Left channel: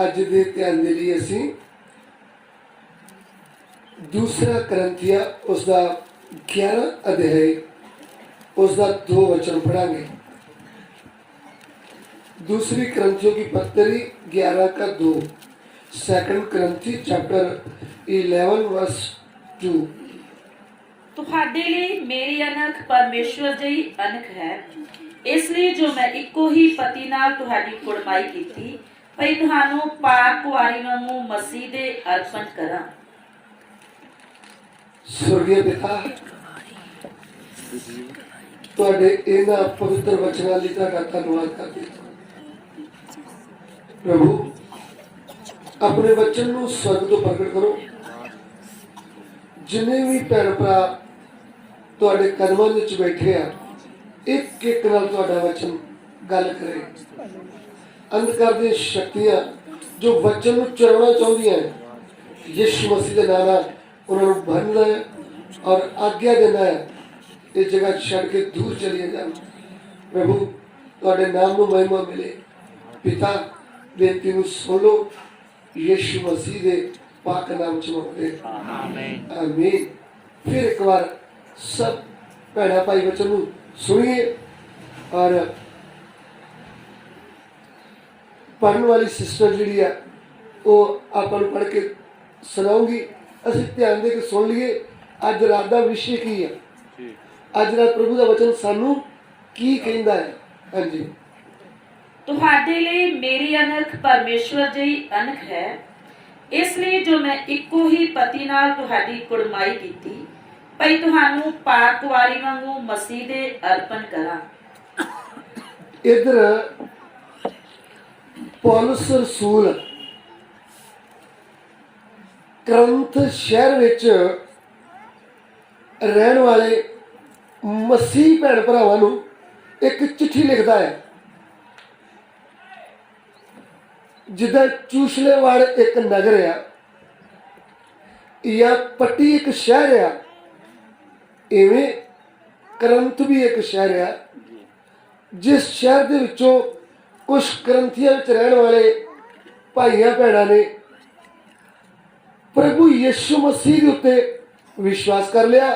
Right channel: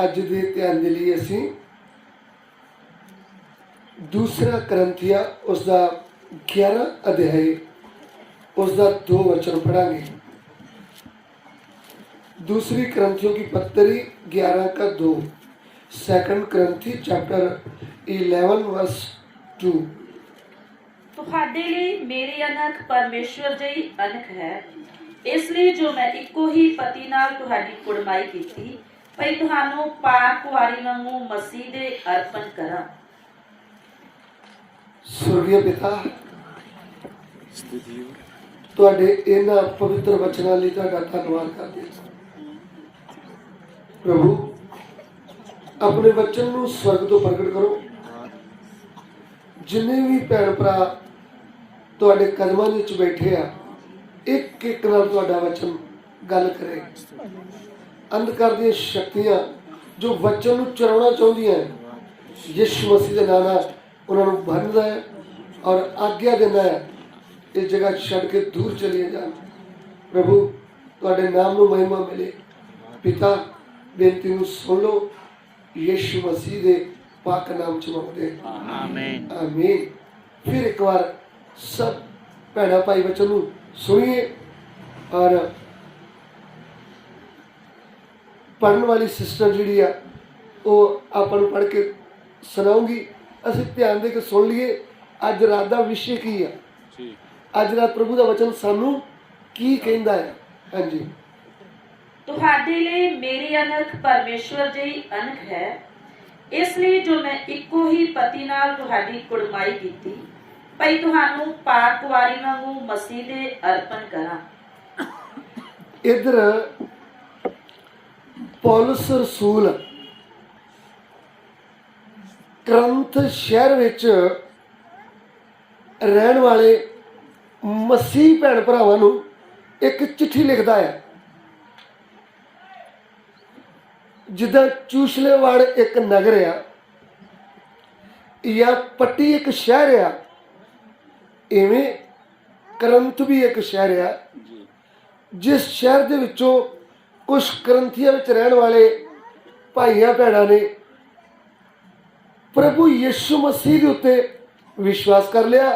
अज दे ध्यान दे लिए असी दूसरा करंथिया उसका 11 अध्याय उसका 2 वचन पढ़ांगे। दूसरी करंथियों की पत्री 11 का 2, सेकंड करंथी चैप्टर 11 वर्स 2। ਤੁਹਾਡੇ ਲਈ ਮੇਰੀ ਅਣਖ ਪਰਮੇਸ਼ਵਰ ਜਿਹੀ ਅਣਖ ਹੈ, ਇਸ ਲਈ ਜੋ ਮੈਂ ਇੱਕੋ ਹੀ ਪਤੀ ਨਾਲ ਤੁਹਾਡੀ ਕੁੜਮਾਈ ਕੀਤੀ, ਭਈ ਤੁਹਾਨੂੰ ਪਾਕ ਕੁਆਰੀ ਵਾਂਗੂ ਮਸੀਹ ਦੇ ਅਰਪਣ ਕਰਾਂ। स्वर्गीय पिता, तुहाडे इन्हां पवित्र वचनां लई तुहाडा धन्नवाद करदे हां। प्रभु, अपने वचन नूं स्वर्ग तो प्रगट करो। जिन्ने भी भैन भरा तुहाडे कदमां विच बैठे आ, एक एक नाल तुहाडा वचन गल करे। अंधकार दी शक्तियां जो वचन नूं चुराउणा चाहुंदियां, यीशु मसीह दे नाम नाल उन्होंने बनना है और आज्ञा देना है, इस जगह छड़ के दूर चलिए जाए। प्रभु, तुहाडे नाम को महिमा मिले। पिता, बेनती नूं सुन लो, यीशु मसीह दे पाक नाम च मंगदे आमीन आमीन। फिर एक बार सब भैणा भाई वचन नूं सुनिए और पढ़ने वाली सिस्टर जी है वो अपन पढ़ के सुनाऊंगी। ਅਸੀਂ ਧਿਆਨ ਦੇ ਕੇ ਸੁਣ ਲਈਏ ਅੱਜ ਰਾਤ ਦਾ ਵਿਸ਼ੇ ਕੀ ਹੈ। ਅੱਜ ਰਾਤ ਪ੍ਰਭੂ ਦਾ ਵਚਨ ਸਾਨੂੰ ਕੀ ਕਹਿੰਦਾ ਹੈ। ਹਾਂਜੀ, ਤੁਹਾਡੇ ਲਈ ਮੇਰੀ ਅਣਖ ਪਰਮੇਸ਼ਵਰ ਜਿਹੀ ਅਣਖ ਹੈ, ਇਸ ਲਈ ਜੋ ਮੈਂ ਇੱਕੋ ਹੀ ਪਤੀ ਨਾਲ ਤੁਹਾਡੀ ਕੁੜਮਾਈ ਕੀਤੀ, ਭਈ ਤੁਹਾਨੂੰ ਪਾਕ ਕੁਆਰੀ ਵਾਂਗੂ ਮਸੀਹ ਦੇ ਅਰਪਣ ਕਰਾਂ। ਇਧਰ ਪੌਲਸ ਰਸੂਲ करंथ शहर विच रहन वाले मसीह भैन भरावां नूं एक चिट्ठी लिखदा है। जिद्दां चूसलेवाड़ एक नगर है या पट्टी एक शहर है, इवें करंथ भी एक शहर है। जिस शहर दे विचों कुछ करंथियां विच रहन वाले भाइयां भैणां ने प्रभु यीशु मसीह के उत्ते विश्वास कर लिया।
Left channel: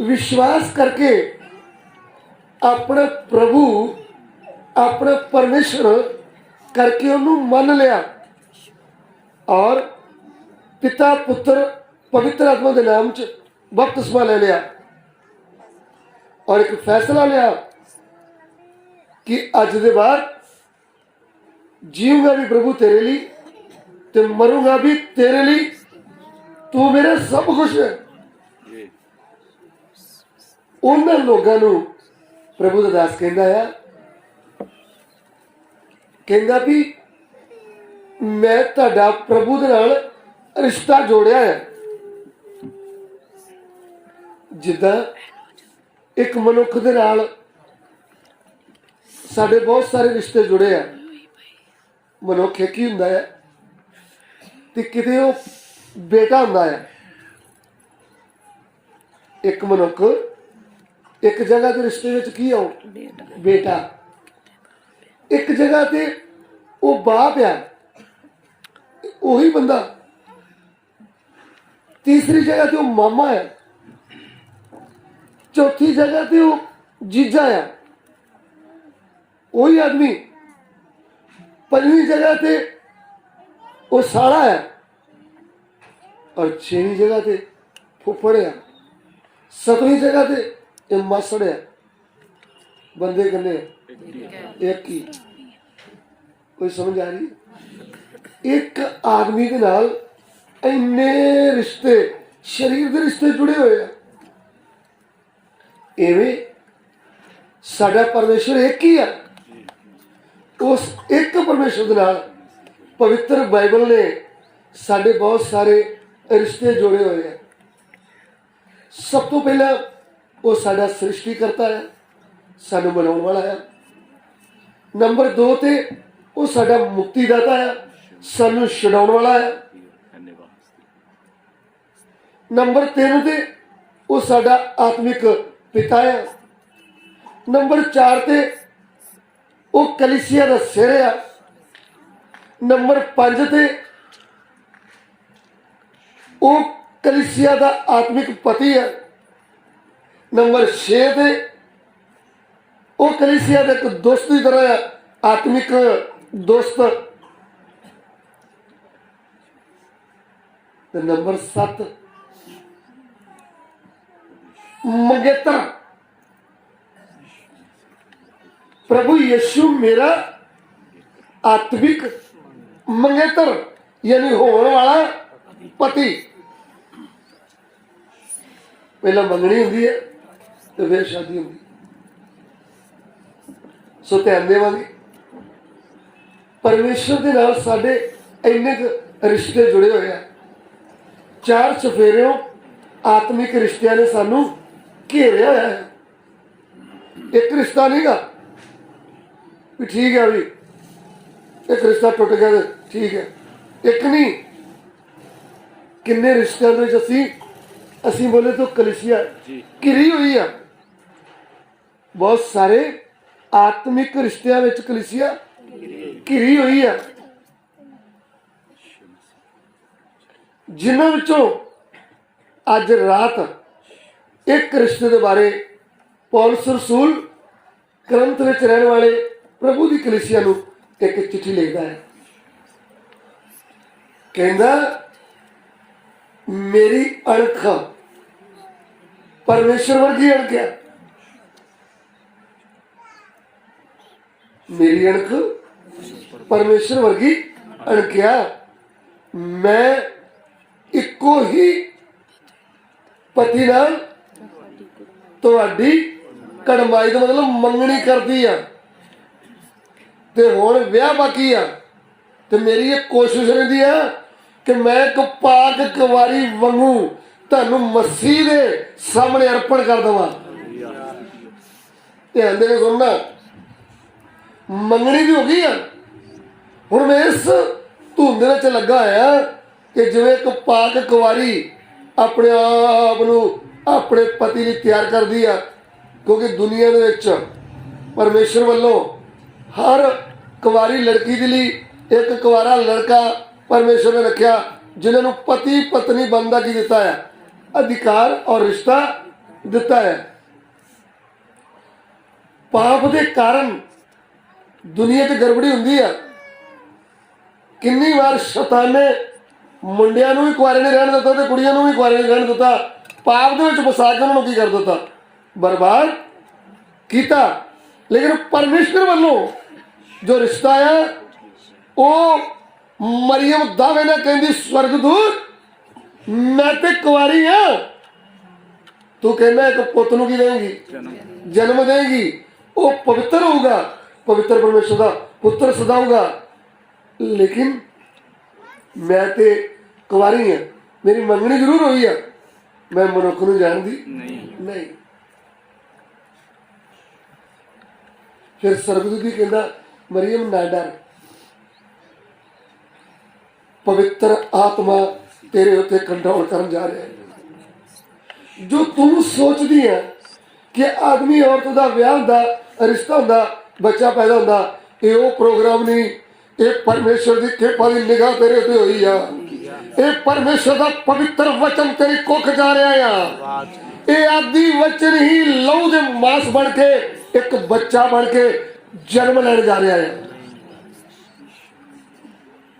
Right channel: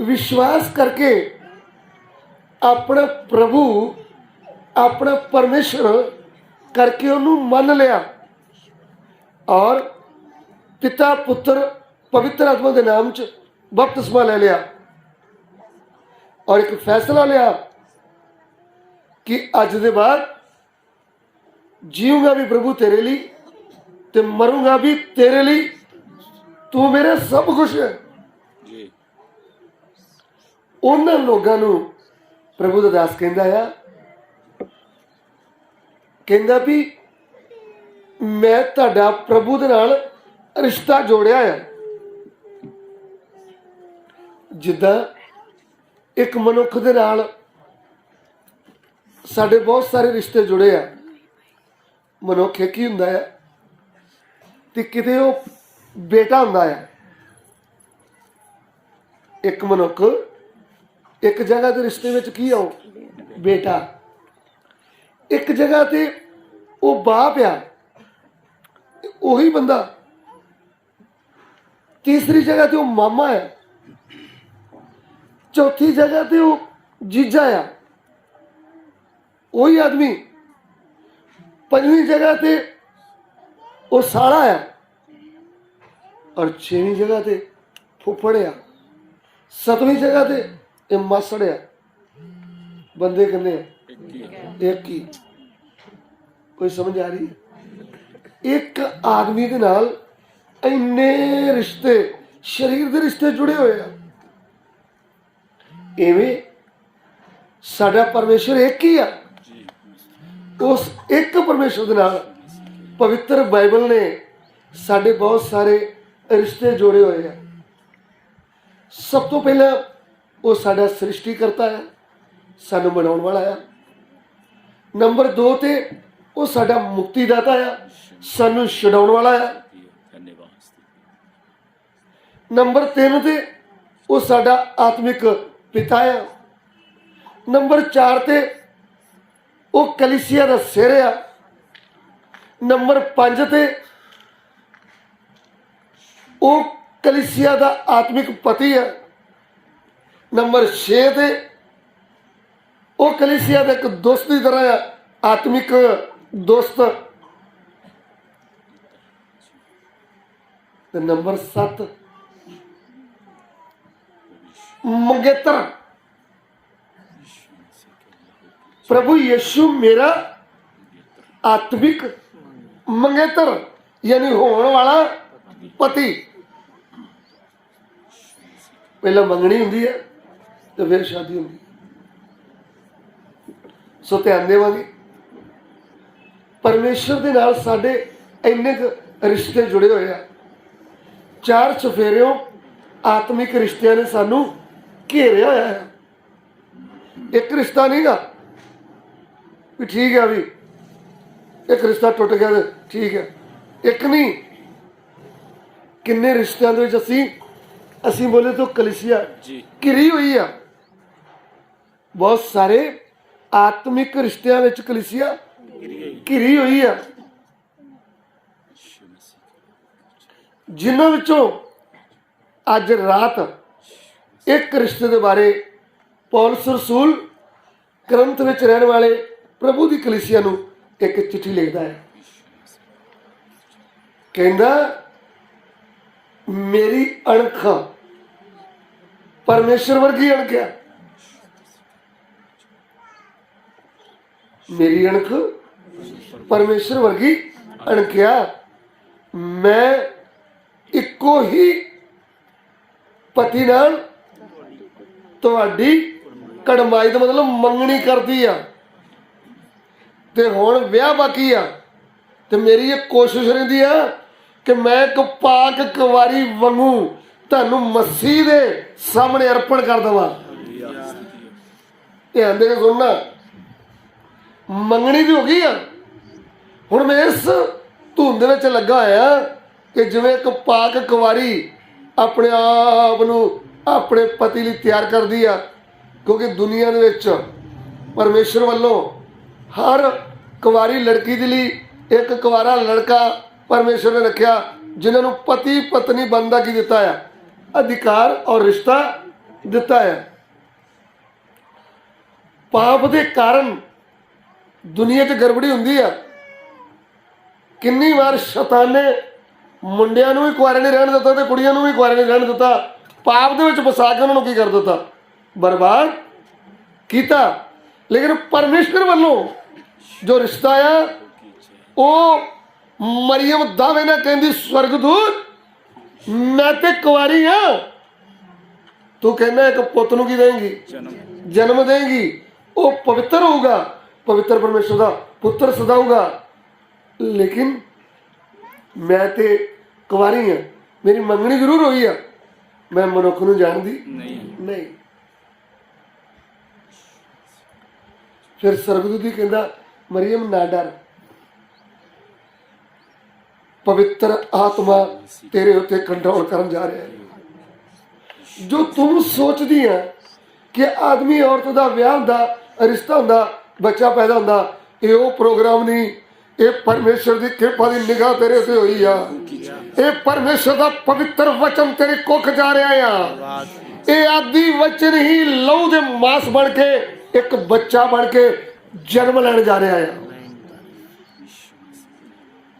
विश्वास करके अपना प्रभु अपना परमेश्वर करके उन्होंने मान लिया और पिता पुत्र पवित्र आत्मा के नाम च बपतिस्मा ले लिया और एक फैसला लिया कि अज के बाद जीऊंगा भी प्रभु तेरे लिए ते मरूंगा भी तेरे लिए, तू मेरे सब कुछ है। उन्होंने लोगों को प्रभु दा दास कहंदा भी मैं तुहाडा प्रभु दे नाल रिश्ता जोड़िया है। जिद्दां एक मनुख दे नाल साडे बहुत सारे रिश्ते जुड़े हैं। मनुख एक ही हुंदा है ते किते वो बेटा हुंदा है। एक मनुख एक जगह के रिश्ते में की आओ बेटा, एक जगह ते वो बाप है वही बंदा, तीसरी जगह ते वो मामा है, चौथी जगह ते वो जीजा है वही आदमी, पंजवीं जगह ते वो सारा है और छेवीं जगह ते फुफड़ है, सतवीं जगह ते ये मासड़ है। बंदे कितने एक ही। कोई समझ आ रही? एक आदमी के नाल इन्ने रिश्ते शरीर के रिश्ते जुड़े हुए हैं। इवें साडा परमेश्वर एक ही है। उस एक परमेश्वर के नाल पवित्र बाइबल ने साढ़े बहुत सारे रिश्ते जोड़े हुए हैं। सब तो पहले वो साडा सृष्टि करता है, सानू बनाने वाला है। नंबर 2 ते वो साडा मुक्तिदाता है, सानू छुड़ाने वाला है। नंबर 3 ते वो साडा आत्मिक पिता है। नंबर 4 ते वो कलीसिया का सिर है। नंबर 5 ते वो कलीसिया का आत्मिक पति है। नंबर 6 ते वो कलीसिया का एक दोस्त की तरह है, आत्मिक दोस्त। ते नंबर 7 मंगेतर। प्रभु यीशु मेरा आत्मिक मंगेतर यानी होने वाला पति। पहला मंगनी होंगी है तो फिर शादी होगी। सो ध्यान देवांगे परमेश्वर के नाल साडे इन्ने रिश्ते जुड़े हुए हैं। 4 चफेरियों आत्मिक रिश्तियां ने सानू घेरिया है। एक रिश्ता नहीं गा भी ठीक है, भी एक रिश्ता टुट गया तो ठीक है, एक नहीं, किन्ने रिश्तियां दे विच असी बोले तो कलीसिया घिरी हुई है। बहुत सारे आत्मिक रिश्तियां विच कलीसिया घिरी हुई है, जिन्हां विचों अज रात एक रिश्ते के बारे पौलुस रसूल करंथ विच रहने वाले प्रभु की कलीसिया नूं एक चिट्ठी लिखता है। कहंदा मेरी अणख परमेश्वर वर्गी अणख है। मेरी अणख परमेश्वर वर्गी अणख है। मैं इको ही पति नाल तुहाडी कड़माई का मतलब मंगनी करती है ते हुण विआह बाकी आ। ते मेरी ये कोशिश रहिंदी है कि मैं एक पाक कुंवारी वांगू तुहानूं मसीह दे सामने अर्पण कर देवां। ध्यान दे सुनना, मंगनी दी हो गई है। हुण मैं इस धुंध विच लगा होया कि जिवें एक पाक कुंवारी अपने आप नूं अपने पति लई तैयार करदी आ, क्योंकि दुनिया दे विच परमेश्वर वालों हर कुंवारी लड़की के लिए एक कुंवारा लड़का परमेश्वर ने रखा, जिन्होंने पति पत्नी बनदा की दिता है, अधिकार और रिश्ता दिता है। पाप के कारण दुनिया च गड़बड़ी हुंदी है। किन्नी बार शैतान ने मुंडियां नूं भी कुआरे नहीं रहन दिता ते कुड़ियां नूं भी कुआरे नहीं रहन दिता, पाप दे विच फसा के उन्होंने की कर दिता, बर्बाद किया। लेकिन परमेश्वर वालों जो रिश्ता है वो मरियम दावे ना कहती स्वर्गदूत मैं ते कुंवारी हाँ, तू कहना एक पुत नूं की देंगी, जन्म देंगी, वो पवित्र होगा, पवित्र परमेश्वर का पुत्र सदाऊगा। लेकिन मैं ते कुंवारी है, मेरी मंगनी जरूर हुई है, मैं मनुख नूं जानदी नहीं। फिर सरगदूत ही कहता मरियम ना डर, पवित्र आत्मा तेरे उत्ते कंट्रोल करन जा रहा है। जो तुम सोचती है कि आदमी औरत का विआह हुंदा, रिश्ता हुंदा, बच्चा पैदा हुंदा, ये वो प्रोग्राम नहीं, ये परमेश्वर की कृपा की निगाह तेरे उत्ते हुई है। ये परमेश्वर का पवित्र वचन तेरे कुख जा रहा है। ये आदि वचन ही लहू दे मांस बन के एक बच्चा बन के जन्म लेने जा रहा है।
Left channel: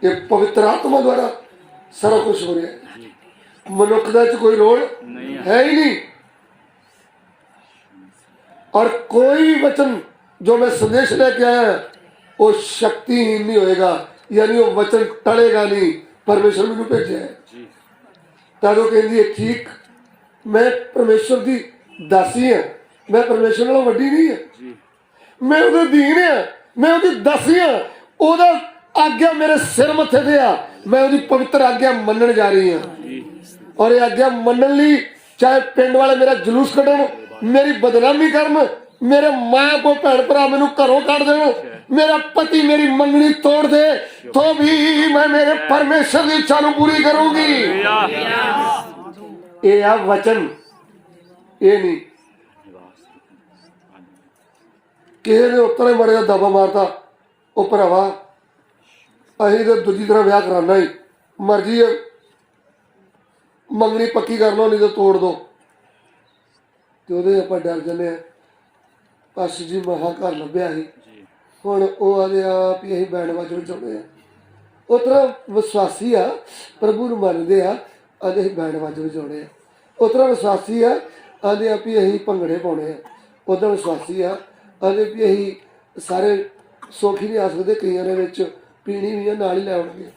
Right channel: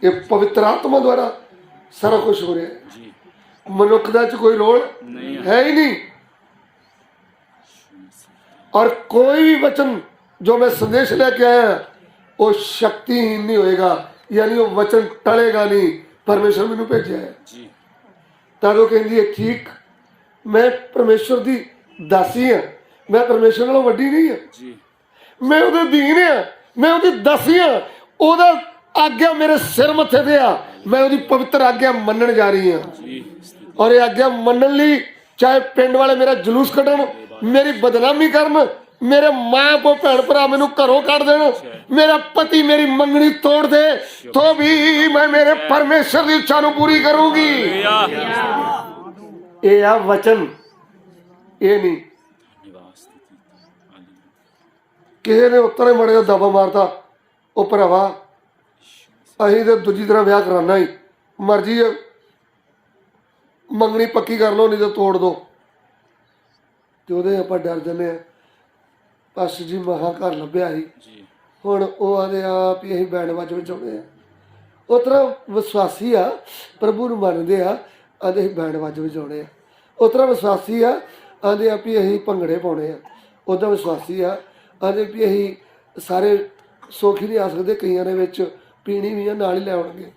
ये पवित्र आत्मा द्वारा सारा कुछ हो रहा है। मनुख दा कोई रोल है ही नहीं। और कोई वचन जो मैं संदेश लेके आया वो शक्तिहीन नहीं होएगा, यानी वो वचन टलेगा नहीं। परमेश्वर मैनू भेजा है ताकि कहती है ठीक, मैं परमेश्वर की दासी है, मैं परमेश्वर नालों वड्डी नहीं है, मैं उहदे दीन है, मैं उहदी दासी हाँ। उहदा आज्ञा मेरे सिर मथे ते आ, मैं उहदी पवित्र आज्ञा मनन जा रही हूँ। और ये आज्ञा मनन लई चाहे पिंड वाले मेरा जुलूस कढन, मेरी बदनामी करन, मेरे मां को भैन भरा मैनू घरों कढ देन, मेरा पति मेरी मंगनी तोड़ दे, तो भी मैं मेरे परमेश्वर की इच्छा नूं पूरी करूंगी। ये आ वचन, ये नहीं किसी ने उत्तर मरे दबा मारता, ओ भरावा ਅਸੀਂ ਤਾਂ ਦੂਜੀ ਤਰ੍ਹਾਂ ਵਿਆਹ ਕਰਾਉਣਾ ਹੀ, ਮਰਜ਼ੀ ਹੈ ਮੰਗਣੀ ਪੱਕੀ ਕਰ ਲਓ ਨਹੀਂ ਤਾਂ ਤੋੜ ਦਿਓ। ਤੇ ਉਹਦੇ ਆਪਾਂ ਡਰ ਜਾਂਦੇ ਹਾਂ। ਪਾਸ਼ਾ ਜੀ ਮਹਾਂ ਘਰ ਲੱਭਿਆ ਸੀ, ਹੁਣ ਉਹ ਆਦੇ ਆ ਵੀ ਅਸੀਂ ਬੈਂਡ ਵਾਜਣ ਚਾਹੁੰਦੇ ਹਾਂ। ਉਹ ਤਰ੍ਹਾਂ ਵਿਸ਼ਵਾਸੀ ਆ, ਪ੍ਰਭੂ ਨੂੰ ਮੰਨਦੇ ਆ, ਆਦੇ ਅਸੀਂ ਬੈਂਡ ਵਾਜਣ ਚਾਹੁੰਦੇ ਆ। ਉਸ ਤਰ੍ਹਾਂ ਵਿਸ਼ਵਾਸੀ ਆ, ਆਦੇ ਆ ਵੀ ਅਸੀਂ ਭੰਗੜੇ ਪਾਉਣੇ ਆ। ਉੱਦਾਂ ਵਿਸ਼ਵਾਸੀ ਆ, ਆਦੇ ਵੀ ਅਸੀਂ ਸਾਰੇ ਸੌਖੀ ਨਹੀਂ ਆ ਸਕਦੇ, ਕਈਆਂ ਦੇ ਵਿੱਚ ਪੀਣੀ ਵੀ ਆ ਨਾਲ ਹੀ ਲੈ ਆਉਣਗੇ।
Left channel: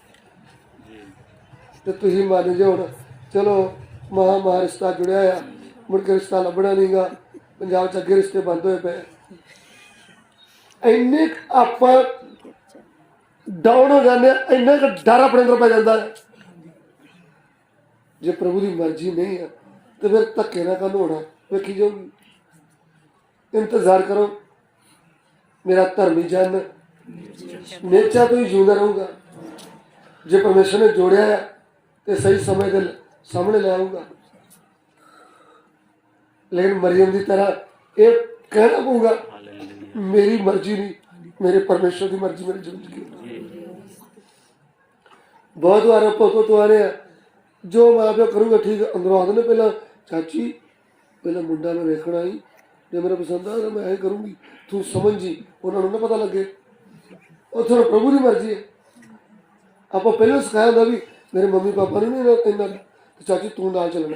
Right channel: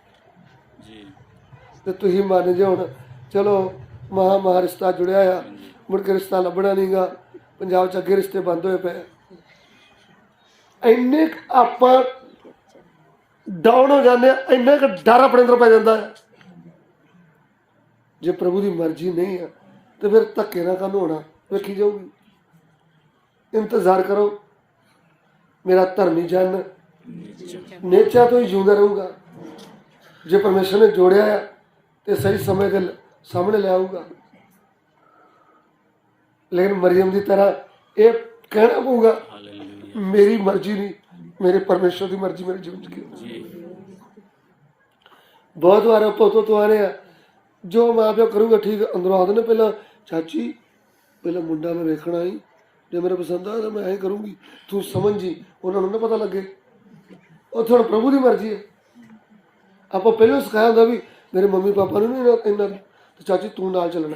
ਤੇ ਤੁਸੀਂ ਮੰਨ ਜਾਓ ਹੁਣ, ਚਲੋ ਮਹਾਂ ਰਿਸ਼ਤਾ ਜੁੜਿਆ ਆ, ਮੁੜ ਕੇ ਰਿਸ਼ਤਾ ਲੱਭਣਾ ਨਹੀਂ ਗਾ। ਪੰਜਾਬ 'ਚ ਅੱਗੇ ਰਿਸ਼ਤੇ ਬੰਦ ਹੋਏ ਪਏ। ਇੰਨੇ ਆਪਾਂ ਡਾਊਨ ਹੋ ਜਾਂਦੇ, ਇੰਨੇ ਕੁ ਡਰ ਆਪਣੇ ਅੰਦਰ ਪੈ ਜਾਂਦਾ। ਜੇ ਪ੍ਰਭੂ ਦੀ ਮਰਜ਼ੀ ਨਹੀਂ ਆ ਤੇ ਫਿਰ ਧੱਕੇ ਨਾਲ ਕੰਮ ਹੋਣਾ, ਵੇਖੀ ਜਾਊਗੀ। ਇੰਤਜ਼ਾਰ ਕਰੋ। ਮੇਰਾ ਧਰਮੀ ਜਨ ਨੇਚਾ ਤੋਂ ਹੀ ਜਿਉਂਦਾ ਰਹੂਗਾ। ਜੇ ਪਰਮੇਸ਼ਰ ਨੇ ਜੋੜਿਆ ਹੈ ਤੇ ਸਹੀ ਸਮੇਂ ਦੇ ਸਾਹਮਣੇ ਲੈ ਆਊਗਾ। ਲੇਕਿਨ ਮਰੀਮ ਦੀ ਤਰ੍ਹਾਂ ਇਹ ਕਹਿਣਾ ਪਊਗਾ, ਮੇਰੀ ਮਰਜ਼ੀ ਨਹੀਂ, ਮੇਰੇ ਪਰਮੇਸ਼ਰ ਦੀ ਮਰਜ਼ੀ ਮੇਰੀ ਜ਼ਿੰਦਗੀ। ਬਹੁਤ ਵਾਰ ਪੁੱਤ ਤੋਂ ਆ ਰਿਹਾ, ਜੋ ਮਾਂ ਪਿਓ ਕਰੂਗਾ ਠੀਕ। ਅੰਦਰੋਂ ਆਉਂਦੇ ਨੇ ਪਹਿਲਾਂ, ਚਾਚੀ ਪਹਿਲਾਂ ਮੁੰਡਾ ਮੈਂ ਵੇਖਣਾ ਹੀ, ਜੇ ਮੇਰੇ ਪਸੰਦ ਆਇਆ ਮੈਂ ਇਹ ਕਰੂੰਗੀ, ਤੂੰ ਸਮਝ ਜੀ। ਉਹਨਾਂ ਨੂੰ ਨਾ ਪਤਾ ਲੱਗੇ ਉੱਥੇ ਹੁਣ ਪ੍ਰਭੂ ਦੀ ਮਰਜ਼ੀ ਹੈ। ਆਪਾਂ ਪਹਿਲਾਂ ਸਿਖਾਇਆ ਹੁੰਦਾ ਵੀ ਮੇਰੇ ਮੰਮੀ ਪਾਪਾ ਨੂੰ ਨਹੀਂ ਇੰਨਾ, ਚਾਚੀ ਤੂੰ ਨਾਲ ਚੱਲਣਾ।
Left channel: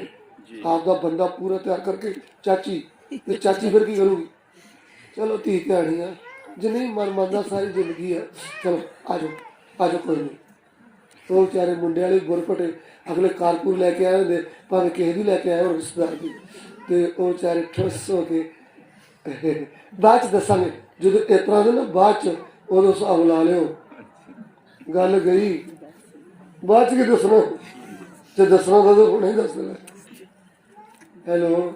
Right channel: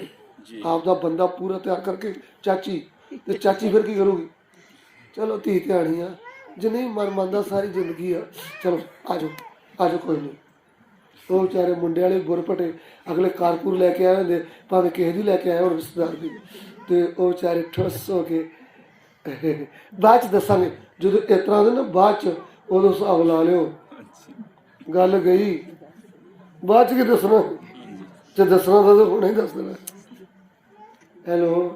ਆਪਦਾ ਬੰਦਾ ਪੂਰਾ ਤਿਆਰ ਕਰਕੇ ਚਾਚੀ, ਤੇ ਚਾਚੀ ਫਿਰ ਕੀ ਕਰੂਗੀ? ਚਲੋ ਧੀ ਧਿਆਣੀ ਆ, ਜਿੰਨੀ ਮਨ ਮੰਨਦਾ ਸਾਰੀ ਜ਼ਿੰਦਗੀ ਆ। ਚਲੋ ਆ ਜਾਓ ਕੋਈ ਨਹੀਂ। ਉਹ ਵਿਚਾਰੇ ਮੁੰਡੇ ਵਾਲੇ ਗੁਰਪਟੇ ਅਗਲੇ ਕਾਰਕੂਰ ਲੈ ਕੇ ਆਏ ਹੁੰਦੇ, ਭਾਵੇਂ ਕਿਸੇ ਦੀ ਲੈ ਕੇ ਆਏ ਹੋਣ ਰਿਸ਼ਤੇਦਾਰ ਦੀ, ਤੇ ਉਹ ਵਿਚਾਰੇ ਠੁੱਸ ਹੋ ਕੇ ਬਾਅਦ 'ਚ ਦੱਸਾਂਗੇ। ਜਦੋਂ ਇਸ ਤਰ੍ਹਾਂ ਦੇ ਨਾ ਬਾਅਦ 'ਚ ਉਦੋਂ ਹਿਸਾਬ ਲਾ ਲਿਓ, ਗੱਲ ਗਈ। ਬਾਅਦ 'ਚ ਕੀ ਦੱਸਣਾ, ਤੇ ਦੱਸਣਾ ਤਾਂ ਹੁਣੇ ਹੀ ਦੱਸ ਦੇਣਾ। ਹੈਲੋ,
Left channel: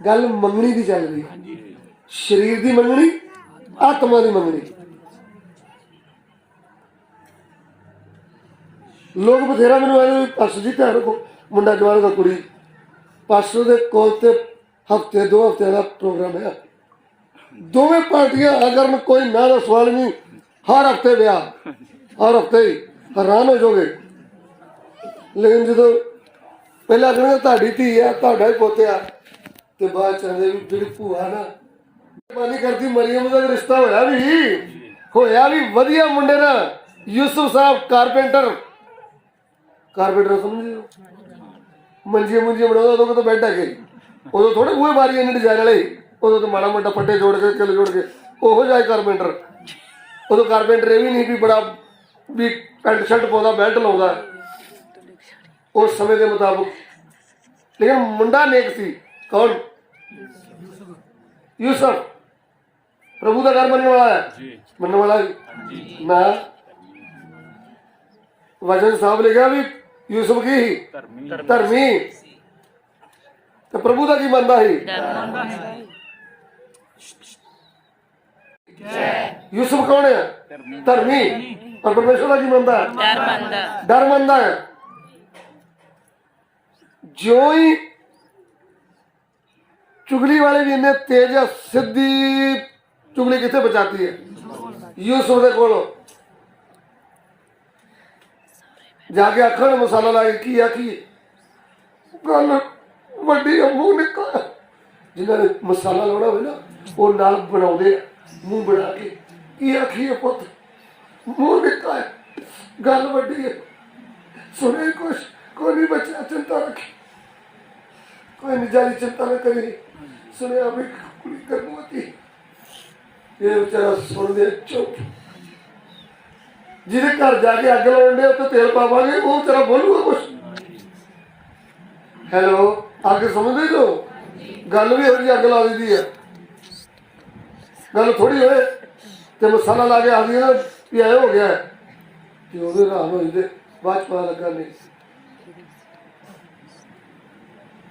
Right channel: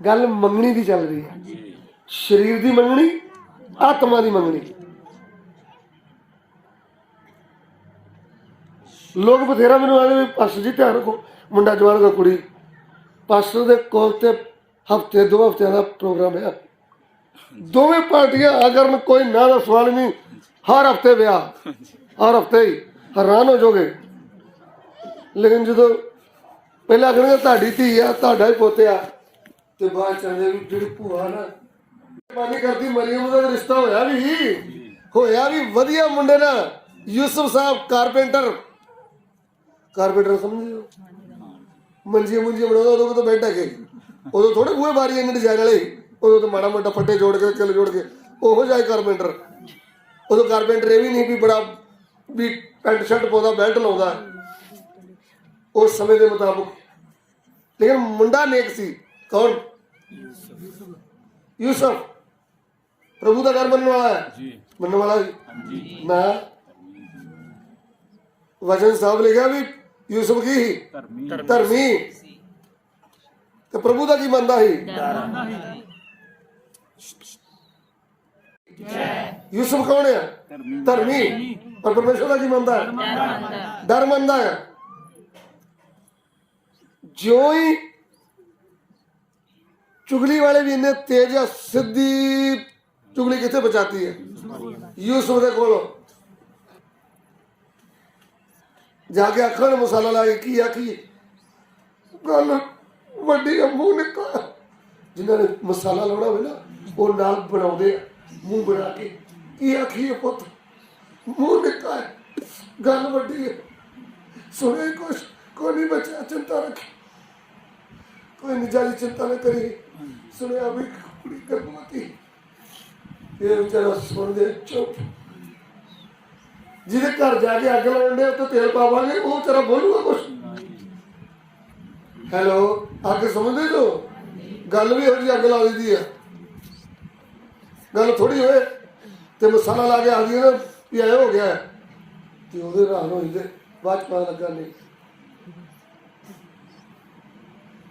ਗੱਲ ਮੰਗਣੀ ਦੀ ਚੱਲ ਰਹੀ ਹੈ। ਸਰੀਰ ਦੀ ਮੰਗਣੀ, ਆਤਮਾ ਦੀ ਮੰਗਣੀ। ਲੋਕ ਬਥੇਰਾ ਮੈਨੂੰ ਆਏ, ਪਾਸਟਰ ਜੀ ਧਿਆਨ ਰੱਖੋ, ਮੁੰਡਾ ਜਵਾਨ ਦਾ ਕੁੜੀ। ਪਾਸਟਰ ਦੇ ਕੋਲ ਤੇ ਹਫ਼ਤੇ 2 ਹਫ਼ਤਿਆਂ ਦਾ ਪ੍ਰੋਗਰਾਮ ਹੈ। ਦੋਵੇਂ ਪਾਰਟੀਆਂ ਅਗਰ ਕੋਈ ਨਾ ਦਾ ਸਵਾਲ ਨਹੀਂ, ਹਰ ਹਫ਼ਤੇ ਵਿਆਹ, ਹਰ ਹਫ਼ਤੇ ਹੀ। ਹੈਰਾਨ ਹੋ ਜਾਓਗੇ। ਲੇਕਿਨ ਜਦੋਂ ਪਹਿਲਾਂ ਕਹਿੰਦੇ ਤੁਹਾਡੀ ਧੀ ਆ, ਤੁਹਾਡਾ ਹੀ ਪੋਤਿਆ, ਤੇ ਬਾਅਦ ਕਹਿੰਦੇ ਵੀ ਜਿਹੜੀ ਭੂਆ ਨਾ ਪਾਣੀ ਕਰਦੀ। ਮਰੀਮ ਦਾ ਰਿਸ਼ਤਾ ਹੋਇਆ ਵੀ ਵਧੀਆ ਮੁੰਡੇ ਨਾਲ। ਯੂਸਫ ਸਾਹਿਬ ਕਾਰਪੈਂਟਰ ਸਮਝਦੇ, ਮੰਜੀਆਂ ਬਣਾਉਂਦਾ। ਉਦੋਂ ਤਾਂ ਬੈਠ ਹੈਗੇ, ਉਦੋਂ ਥੋੜੇ ਬੂਹੇ ਬਾਰੀਆਂ ਨੇ ਡਿਜ਼ਾਈਨ ਵਾਲੇ, ਉਦੋਂ ਤਾਂ ਮਾੜਾ ਮੋਟਾ ਫੱਟੇ ਜੋੜ ਕੇ ਕਿੱਲ ਜੋੜ ਕੇ ਉਹੋ ਜਿਹਾ ਕਾਰਪੈਂਟਰ। ਉਦੋਂ ਕਾਰਪੈਂਟਰ ਇਹ ਵੀ ਨਹੀਂ ਵੀ ਬੜਾ ਵੀ ਪੈਂਟ ਸ਼ਰਟ ਪਾਉਂਦਾ, ਬੈਲਟ ਲਾਉਂਦਾ ਉਸ ਸਮੇਂ ਦੇ ਮੁਤਾਬਕ। ਲੇਕਿਨ ਮੁੰਡਾ ਨੇਕ ਸੀ। ਕੌਣ? ਯੂਸਫ। ਪ੍ਰਭੂ ਦਾ ਘਰ ਬਣਨ ਵਾਲਾ ਹੈ, ਬਣਨ ਵਾਲਾ ਨਾ। ਵਚਨ ਸਾਹਿਬ ਲਿਖਿਆ ਵੀ ਯੂਸਫ ਕੀ ਧਰਮੀ, ਤੇ ਪ੍ਰਭੂ ਦਾ ਕੀ ਮੰਨਦਾ ਸੀ? ਯੂਸਫ ਕੌਣ ਹੈ? ਧਰਮੀ। ਔਰ ਪਰਮੇਸ਼ਰ ਦਾ ਕੀ ਮੰਨਦਾ? ਡਰ ਮੰਨਦਾ ਹੈ। ਜਿਉਂ ਹੀ ਚੁਗਲੀ ਵਾਲੇ ਵੀ ਇੰਨੇ ਤੇਜ਼ ਆ, ਸਿੱਧੀ ਚੁਗਲੀ ਕਿੱਥੇ ਬਚਾਤੀ ਹੈ? ਯੂਸਫ ਦੇ ਕੋਲੋਂ ਜਾ ਕੇ ਅੱਖਾਂ ਨੇ ਮਸਾਲਾ ਲਾ ਕੇ ਕੀ ਆਖੀ? ਗੱਲ ਵੱਡੀ ਮੂੰਹ ਨਿਕਲ। ਜਿਨ੍ਹਾਂ ਨੇ ਮਸਾਲਾ ਲਾਉਣਾ ਹੋਵੇ ਨਾ, ਉਹ ਨਾਲ ਬਣਾਉਂਦੇ ਆ ਮੂੰਹ ਬਣਾ ਕੇ। ਕੀ ਆਖੀਏ ਪੁੱਤ, ਮੂੰਹ ਨਿਕਲ, ਗੱਲ ਵੱਡੀ ਹੈ। ਸੁਣੇ ਕੁਛ, ਕੋਈ ਨਹੀਂ ਬੱਚਾ, ਚਿੰਤਾ ਰੱਖੀ, ਕੋਈ ਨਹੀਂ ਜਾਲੀ ਚਿੰਤਾ ਨਾ ਕਰੀ। ਸੁਣਿਆ ਵੀ ਕੁੜੀ ਗਰਭਵਤੀ। ਇਹ ਵਿਚਾਰਾ ਸੁਣਦੇ ਚੁੱਪ। ਜਿਹਦੇ ਘਰ ਜਾ ਕੇ ਅੱਗ ਲਾਉਣ ਦੇ ਉੱਤੇ ਤੇਲ ਪਾਵਾਂਗੇ, ਉਹ ਵਿਚਾਰਾ ਬੋਲੂਗਾ ਕੁਛ। ਹੈਲੋ, ਅੱਗ ਸਮਝਦੇ ਜੋ? ਗੱਲ ਵੀ ਇਹੋ ਜਿਹੀ ਅੱਗ ਲਾ ਦਿੰਦੀ ਹੈ। ਗੱਲ ਥੋੜੀ ਹੋਏ ਤੇ ਮਸਾਲਾ ਲਾ ਕੇ ਆ ਗਈ ਨਾ ਵੀ ਇਹ ਹੋ ਗਿਆ, ਤੇ ਉਹਦੇ ਹੈਰਾਨ ਹੋ ਜਾਂਦੇ। ਬਾਅਦ 'ਚ ਪਤਾ ਲੱਗਾ ਨਹੀਂ,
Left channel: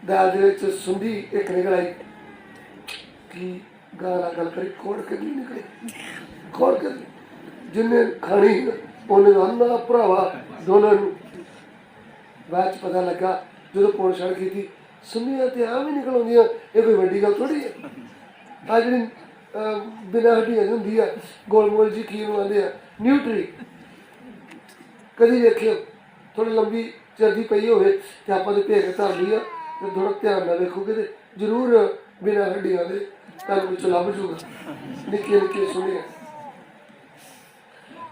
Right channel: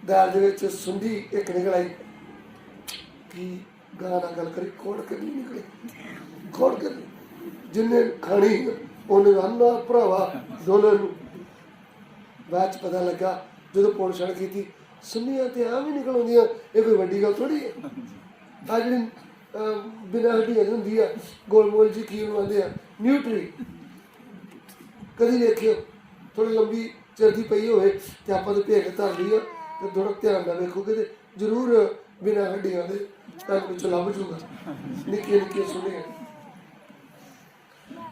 ਦਾਲ ਦੇ ਵਿੱਚ ਸੁੰਡੀ ਇੱਕ ਨਿਕਲ ਆਈ। ਕੀ ਗਾਂ ਨਾਲ ਗੱਲ ਕਰੀ, ਖੋੜ ਕੇ ਨਹੀਂ ਨਿਕਲੇ, ਖੋੜ ਕੇ ਜਿੰਨੇ ਖਾਣੀ ਉਹਨੇ ਆਨਾ ਭਰਾਵਾ ਦੋਨਾਂ ਨੂੰ। ਬਾਅਦ 'ਚ ਪਤਾ ਲੱਗਾ ਜਦੋਂ ਪੌਣ ਛੜ ਕੀਤੀ, ਸੁੰਨੀਆਂ ਤੇ ਆਮ ਹੀ ਨਿਕਲ ਆਉਂਦੀਆਂ, ਇਹ ਕੋਈ ਵੱਡੀ ਗੱਲ ਥੋੜੀ ਹੈ। ਆ ਜਿਹੜੀ ਬਿਨਾਂ ਹੱਡੀਆਂ ਹੁੰਦੀ ਆ, ਗੋਲ ਮੋਲ ਜੀ ਕੀ ਬਣਾਉਂਦੇ ਆ, ਨਿਊਟਰੀ, कभी देखियो थोड़ी लंबी चिर की पई होवे ते आपां ते भेक धर ली आ ते थोड़ा ध्यान नाल देखोगे ते जरूर बिना हड्डियां दे तुहानूं कुछ लभ जूगा निक्कियां निक्कियां सुनिया।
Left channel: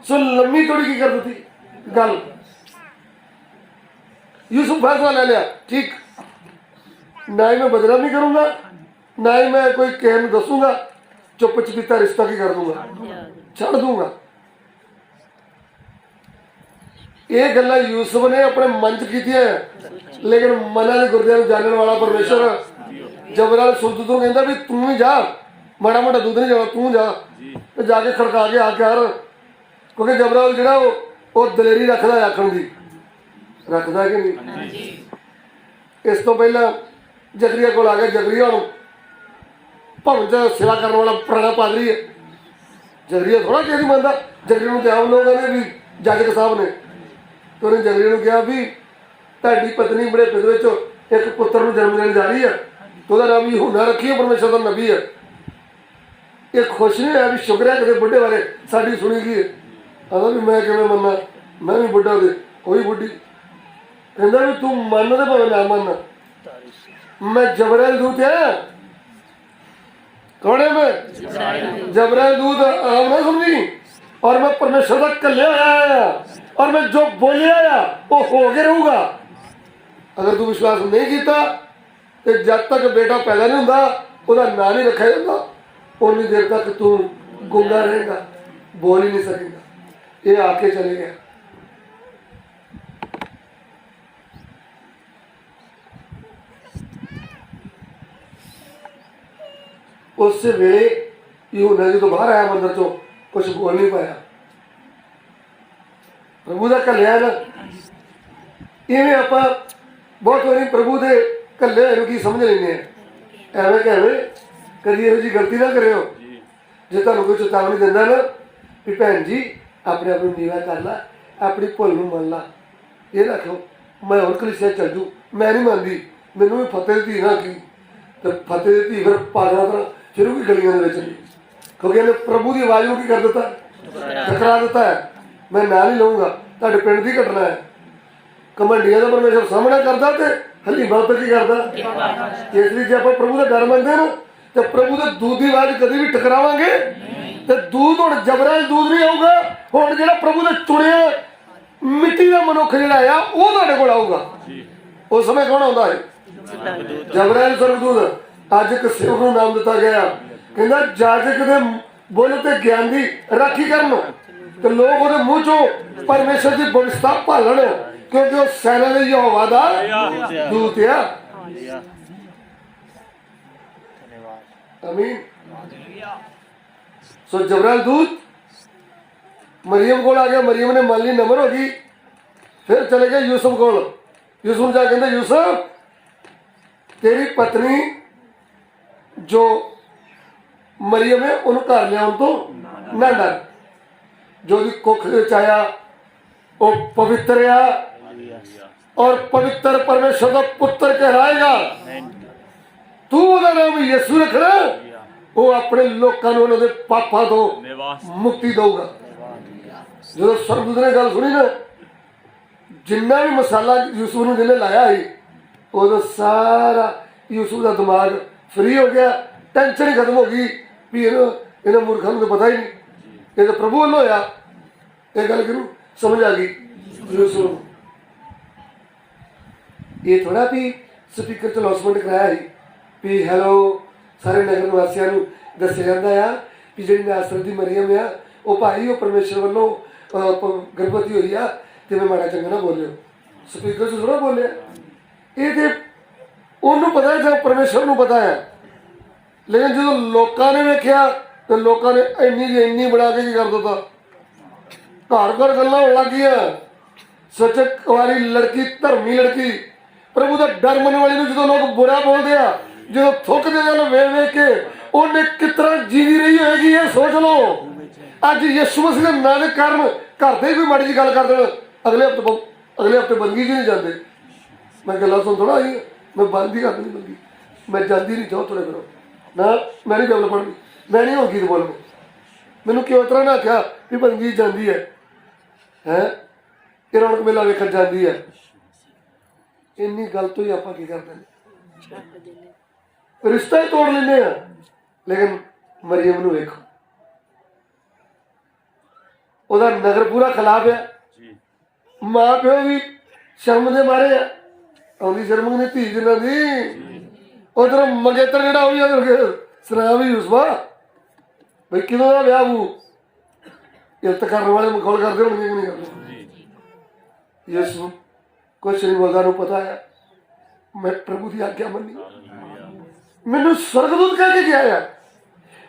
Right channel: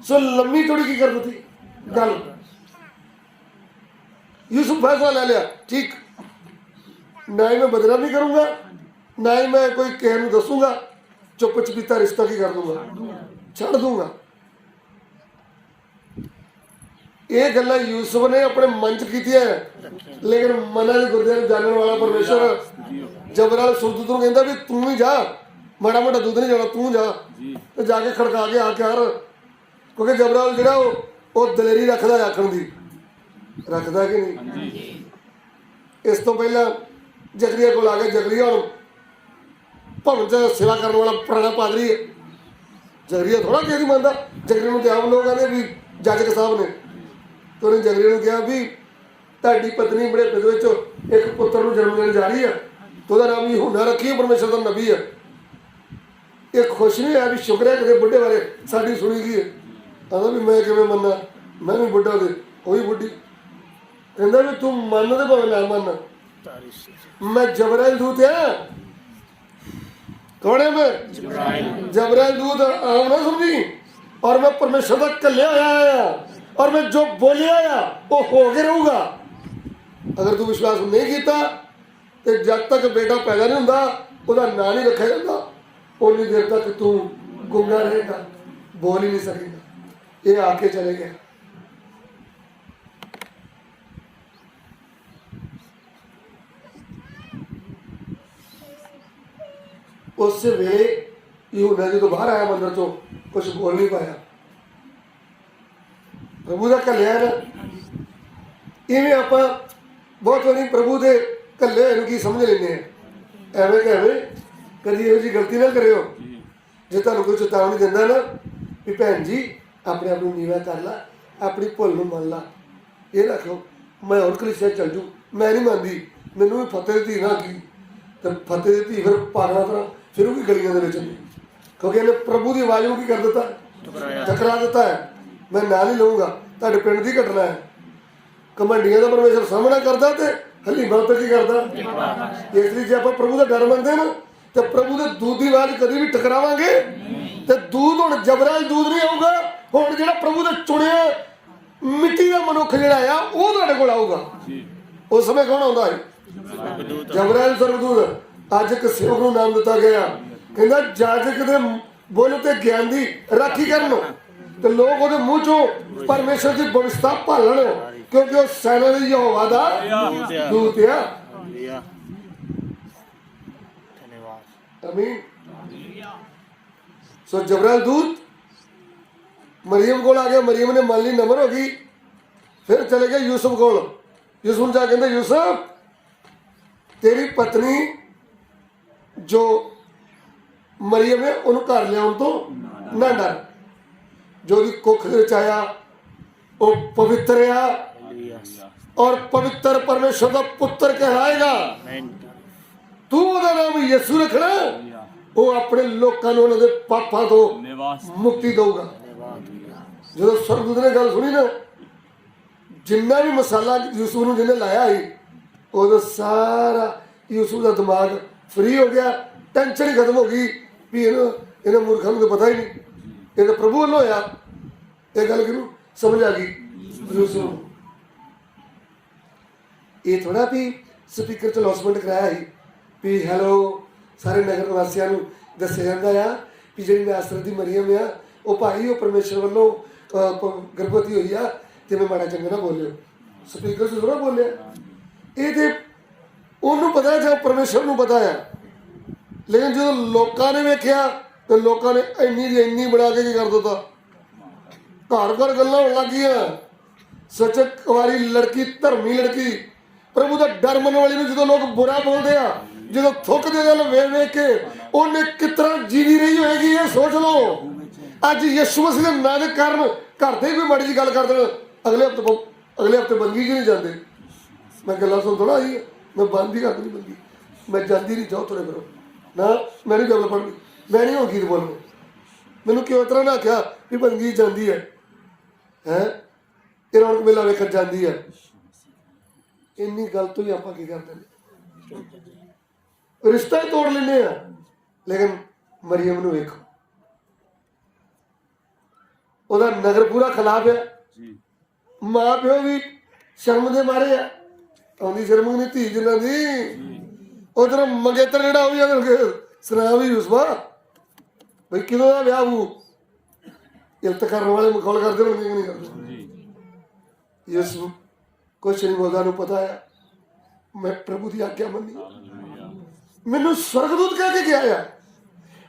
सो लंबी थोड़ी की कर दी गल, यूसुफ फैसला ले लिया ठीक, ना ही मैं बदनामी करूंगा ना ही मैं कोई किसी को दसूंगा, चुप चपीता रिश्ता की कर दूंगा, छड़ दूंगा। ये गल्ला यूसुफ ने अपने मन च कीतियां है, लेकिन मना के गुरदियां नूं जानने वाला परमेश्वर जबराल सुरदूत नूं कहंदा भी तू भी जा, माड़ा मोटा दूध नहीं जाना, तू जा ते जाके खड़का के आके यार, क्योंकि जबराल जिहड़ा वो दलेरी रखदा है आखण दी, रखदा कि नहीं। इस तो पहला जकरिया कोल आ गया, जकरिया नूं भवन च सेवा करने वाला पुराना पादरी है, जकरिया थोड़ा किसी मनता, जकरिया नूं ते आम लोग कहंदे भी जज साहब ने, तो उन्हें जकरिया नूं कहा भी तुहाडी पत्नी बुढ़ेपे दे विच एक पुत्र नूं जन्म देण जा रही है, तो उसदा नाम यूहन्ना रखिए, परमेश्वर दा नबी है। ये खुश नहीं होया भी शुक्र है किते बुढ़े बारे साडी सुनी गई है। आंदा भी मैं किवें मन्ना, मैं भी बुढ़ा ते कोई बुढ़ी, कहंदा भी तू मन ते भावें ना मन, मैं जबराइल दूत है, कौन है मैं? जबराइल दूत आम ना समझी, और मैं परमेश्वर का कल्या आया और मैं जो बोलिया आया वो हो के रहूगा। अगर तू विश्वास नहीं किया तो जब तक बेटा पैदा नहीं होता उसका नाम नहीं रखा जाता, उन्नी देर तक तू गुंगा रहेगा, बोल ही नहीं सकेगा। ये आके चले गया। उस वेले यूहन्ना जी तो बाहर आया मंदिर चो, कुछ बोल नहीं पाया, प्रभु का कल्या ना। इवें आप बहुत बारी प्रभु के कले की समझ लेंगे, एवं कैवें कभी यहो जी गलती ना करो। जो तुहानूं कोई चेतावनी दिंदा ना भी भैन जी अपने आप नीवा कर ला, अपनी भुल नूं मन ला, ये ना कहो मैं होर कलीसिया चल जू, मैं नहीं मानती, मैनूं भी फतेह दी धी ना की, तो फतेह दी धी फिर पागल तरह शुरू की गलियों के नहीं, क्योंकि इन्हें प्रभु की आवाज़ में की कर दिता, टकरा दिता है। मैं ना नहीं लूँगा, तुहाडे पिंड की घटना है, घमंडियां का परमेश्वर सामना करता तो हली बहुत की करता। इसलिए जो आप प्रभु का डर मंगते ना तो प्रभु के दूध की आवाज़ कभी भी टकरावांगे तो दूध हुण जबराइल दूध नहीं आऊगा, हुण जिहड़ा प्रभु ने चुनिया मिट्टी का मनुख जिहड़ा आ वो तुहाडे कोल आऊगा। उस समय कौन आउंदा है? जबराइल स्वर्गदूत। अज एक सेवक नूं नाम दिता गया, कहंदा जाजक दे बुल ते ज्ञान दी राखी करन तो लोग ਉਹਦੇ ਮੂੰਹ ਚੋਂ परमेश्वर की बरिश्ता भालन, क्योंकि वो सैना दे यहोवा दा दूत है। आमीन। सो जबराइल दूत मरियम को आ गया, मरियम ने मान ली, नमर हो गई, फिर चले गए यूसुफ को। यूसुफ जा कहते यूसुफ तेरी पत्नी जो मरियम है उन्होंने घर लिया तो ना डर, जो भी कुख आया वो पवित्र आ और पवित्र परमेश्वर का पुत्र कहलाएगा। तू ਉਹਦਾ नाम यीशु रखना, वो अपने लोगों को उन्होंने पापा तो मुक्ति देगा। जो स्वर्गदूत ने गल सुनी ना, जिन्ना भी मसाला यूसुफ ने जिन्हें लाया ही वो सारा यूसुफ का दिमाग फ्री हो गया, टेंशन ही खत्म हो गई भी इन्हें मूर्खों को पता ही नहीं, ये तो प्रभु वालों होया। ये गल कि समझ आ गई यूसुफ। ये थोड़ा भी स्पीकर च लॉन्चमेंट कराया ही भी हैलो सारे नगर निवासियों को दस्या जाता है कि जी नासरत दी मरियम आ वो भाई वो परमेश्वर वालों गर्भवती हुई आ, तो मैं माड़ा चंगा ना बोलियो, स्पीकर से थोड़ा बोलिया। ये तो उन्होंने पता है जब परमेश्वर को पता है, लेकिन जो लोगों ने वेख्या तो लोगों ने इन्नी बना के कर दिता, घर घर गल्लां होण लग गईयां। सच कुआरी लड़की धर्मी लड़की प्रभु का डर मनने वाली जो लोग बुरा बोलते हैं, जो थुकते गल वेख वेख के उन्हें कितना जीवी रही होगी ये सोच लो। अज यीशु मसीह के नाम के कारण घर से कोई माड़ी जी गल कर देना, अगले हफ्ते बंदगी जी नहीं जाते। मैं गल्लां सुन थोड़ा आई, मैं बंद ही कर दी बंदगी, मैं जाती नहीं, जाओ थोड़े करो ना, मैं नहीं गल पढ़नी, मैं नहीं होगी तो बोलना। मैनू क्यों तरह ना आख्या भी बंदगी जाती है, ਤੇ ਰੌਣਕ ਮੇਲਾ ਵੇਖਣ ਜਾਂਦੀ ਹੈ। ਇੰਨੀ ਗੱਲ ਤੋਂ ਹੀ ਆਪਾਂ ਕੀ ਕਰਦੇ ਨੇ, ਰਿਸ਼ਤਾ ਹੀ ਤੋੜ ਲੈਂਦੇ ਆ। ਲੇਕਿਨ ਮਰੀਮ ਨੂੰ ਵੇਖੋ, ਉਹਦਾ ਨਗਰ ਪੂਰਾ ਖਿਲਾਫ ਆ, ਮਾਂ ਪਿਓ ਵੀ ਸ਼ਰਮ ਦੇ ਮਾਰੇ ਆ। ਆਉਂਦੀ ਸ਼ਰਮ ਨਹੀਂ ਧੀ ਜਿਨ੍ਹਾਂ ਦੀ, ਉਧਰ ਮੰਗੇਤਰ ਜਿਹੜਾ ਉਹ ਵੀ ਸੁਣਾ ਵੀ ਯੂਸਫਾ ਬਈ ਕਿਦੋਂ ਦਾ ਵਿਆਹ ਹੂ ਇਲਤ ਕਰਨ ਵਾਲੇ ਮਖੌਲ ਕਰਦੇ ਹੋਣਗੇ ਨਹੀਂ ਕਰਦੇ। ਯੂਸਫ ਕੁਛ ਨਹੀਂ ਬੋਲਦਾ, ਨੂੰ ਪਤਾ ਆ ਮੈਂ ਪ੍ਰਭੂ ਦੀ ਆਗਿਆ ਮੰਨੀ। ਮੈਨੂੰ ਸਵਰਗਦੂਤ ਕਹਿ ਕੇ ਗਿਆ ਆ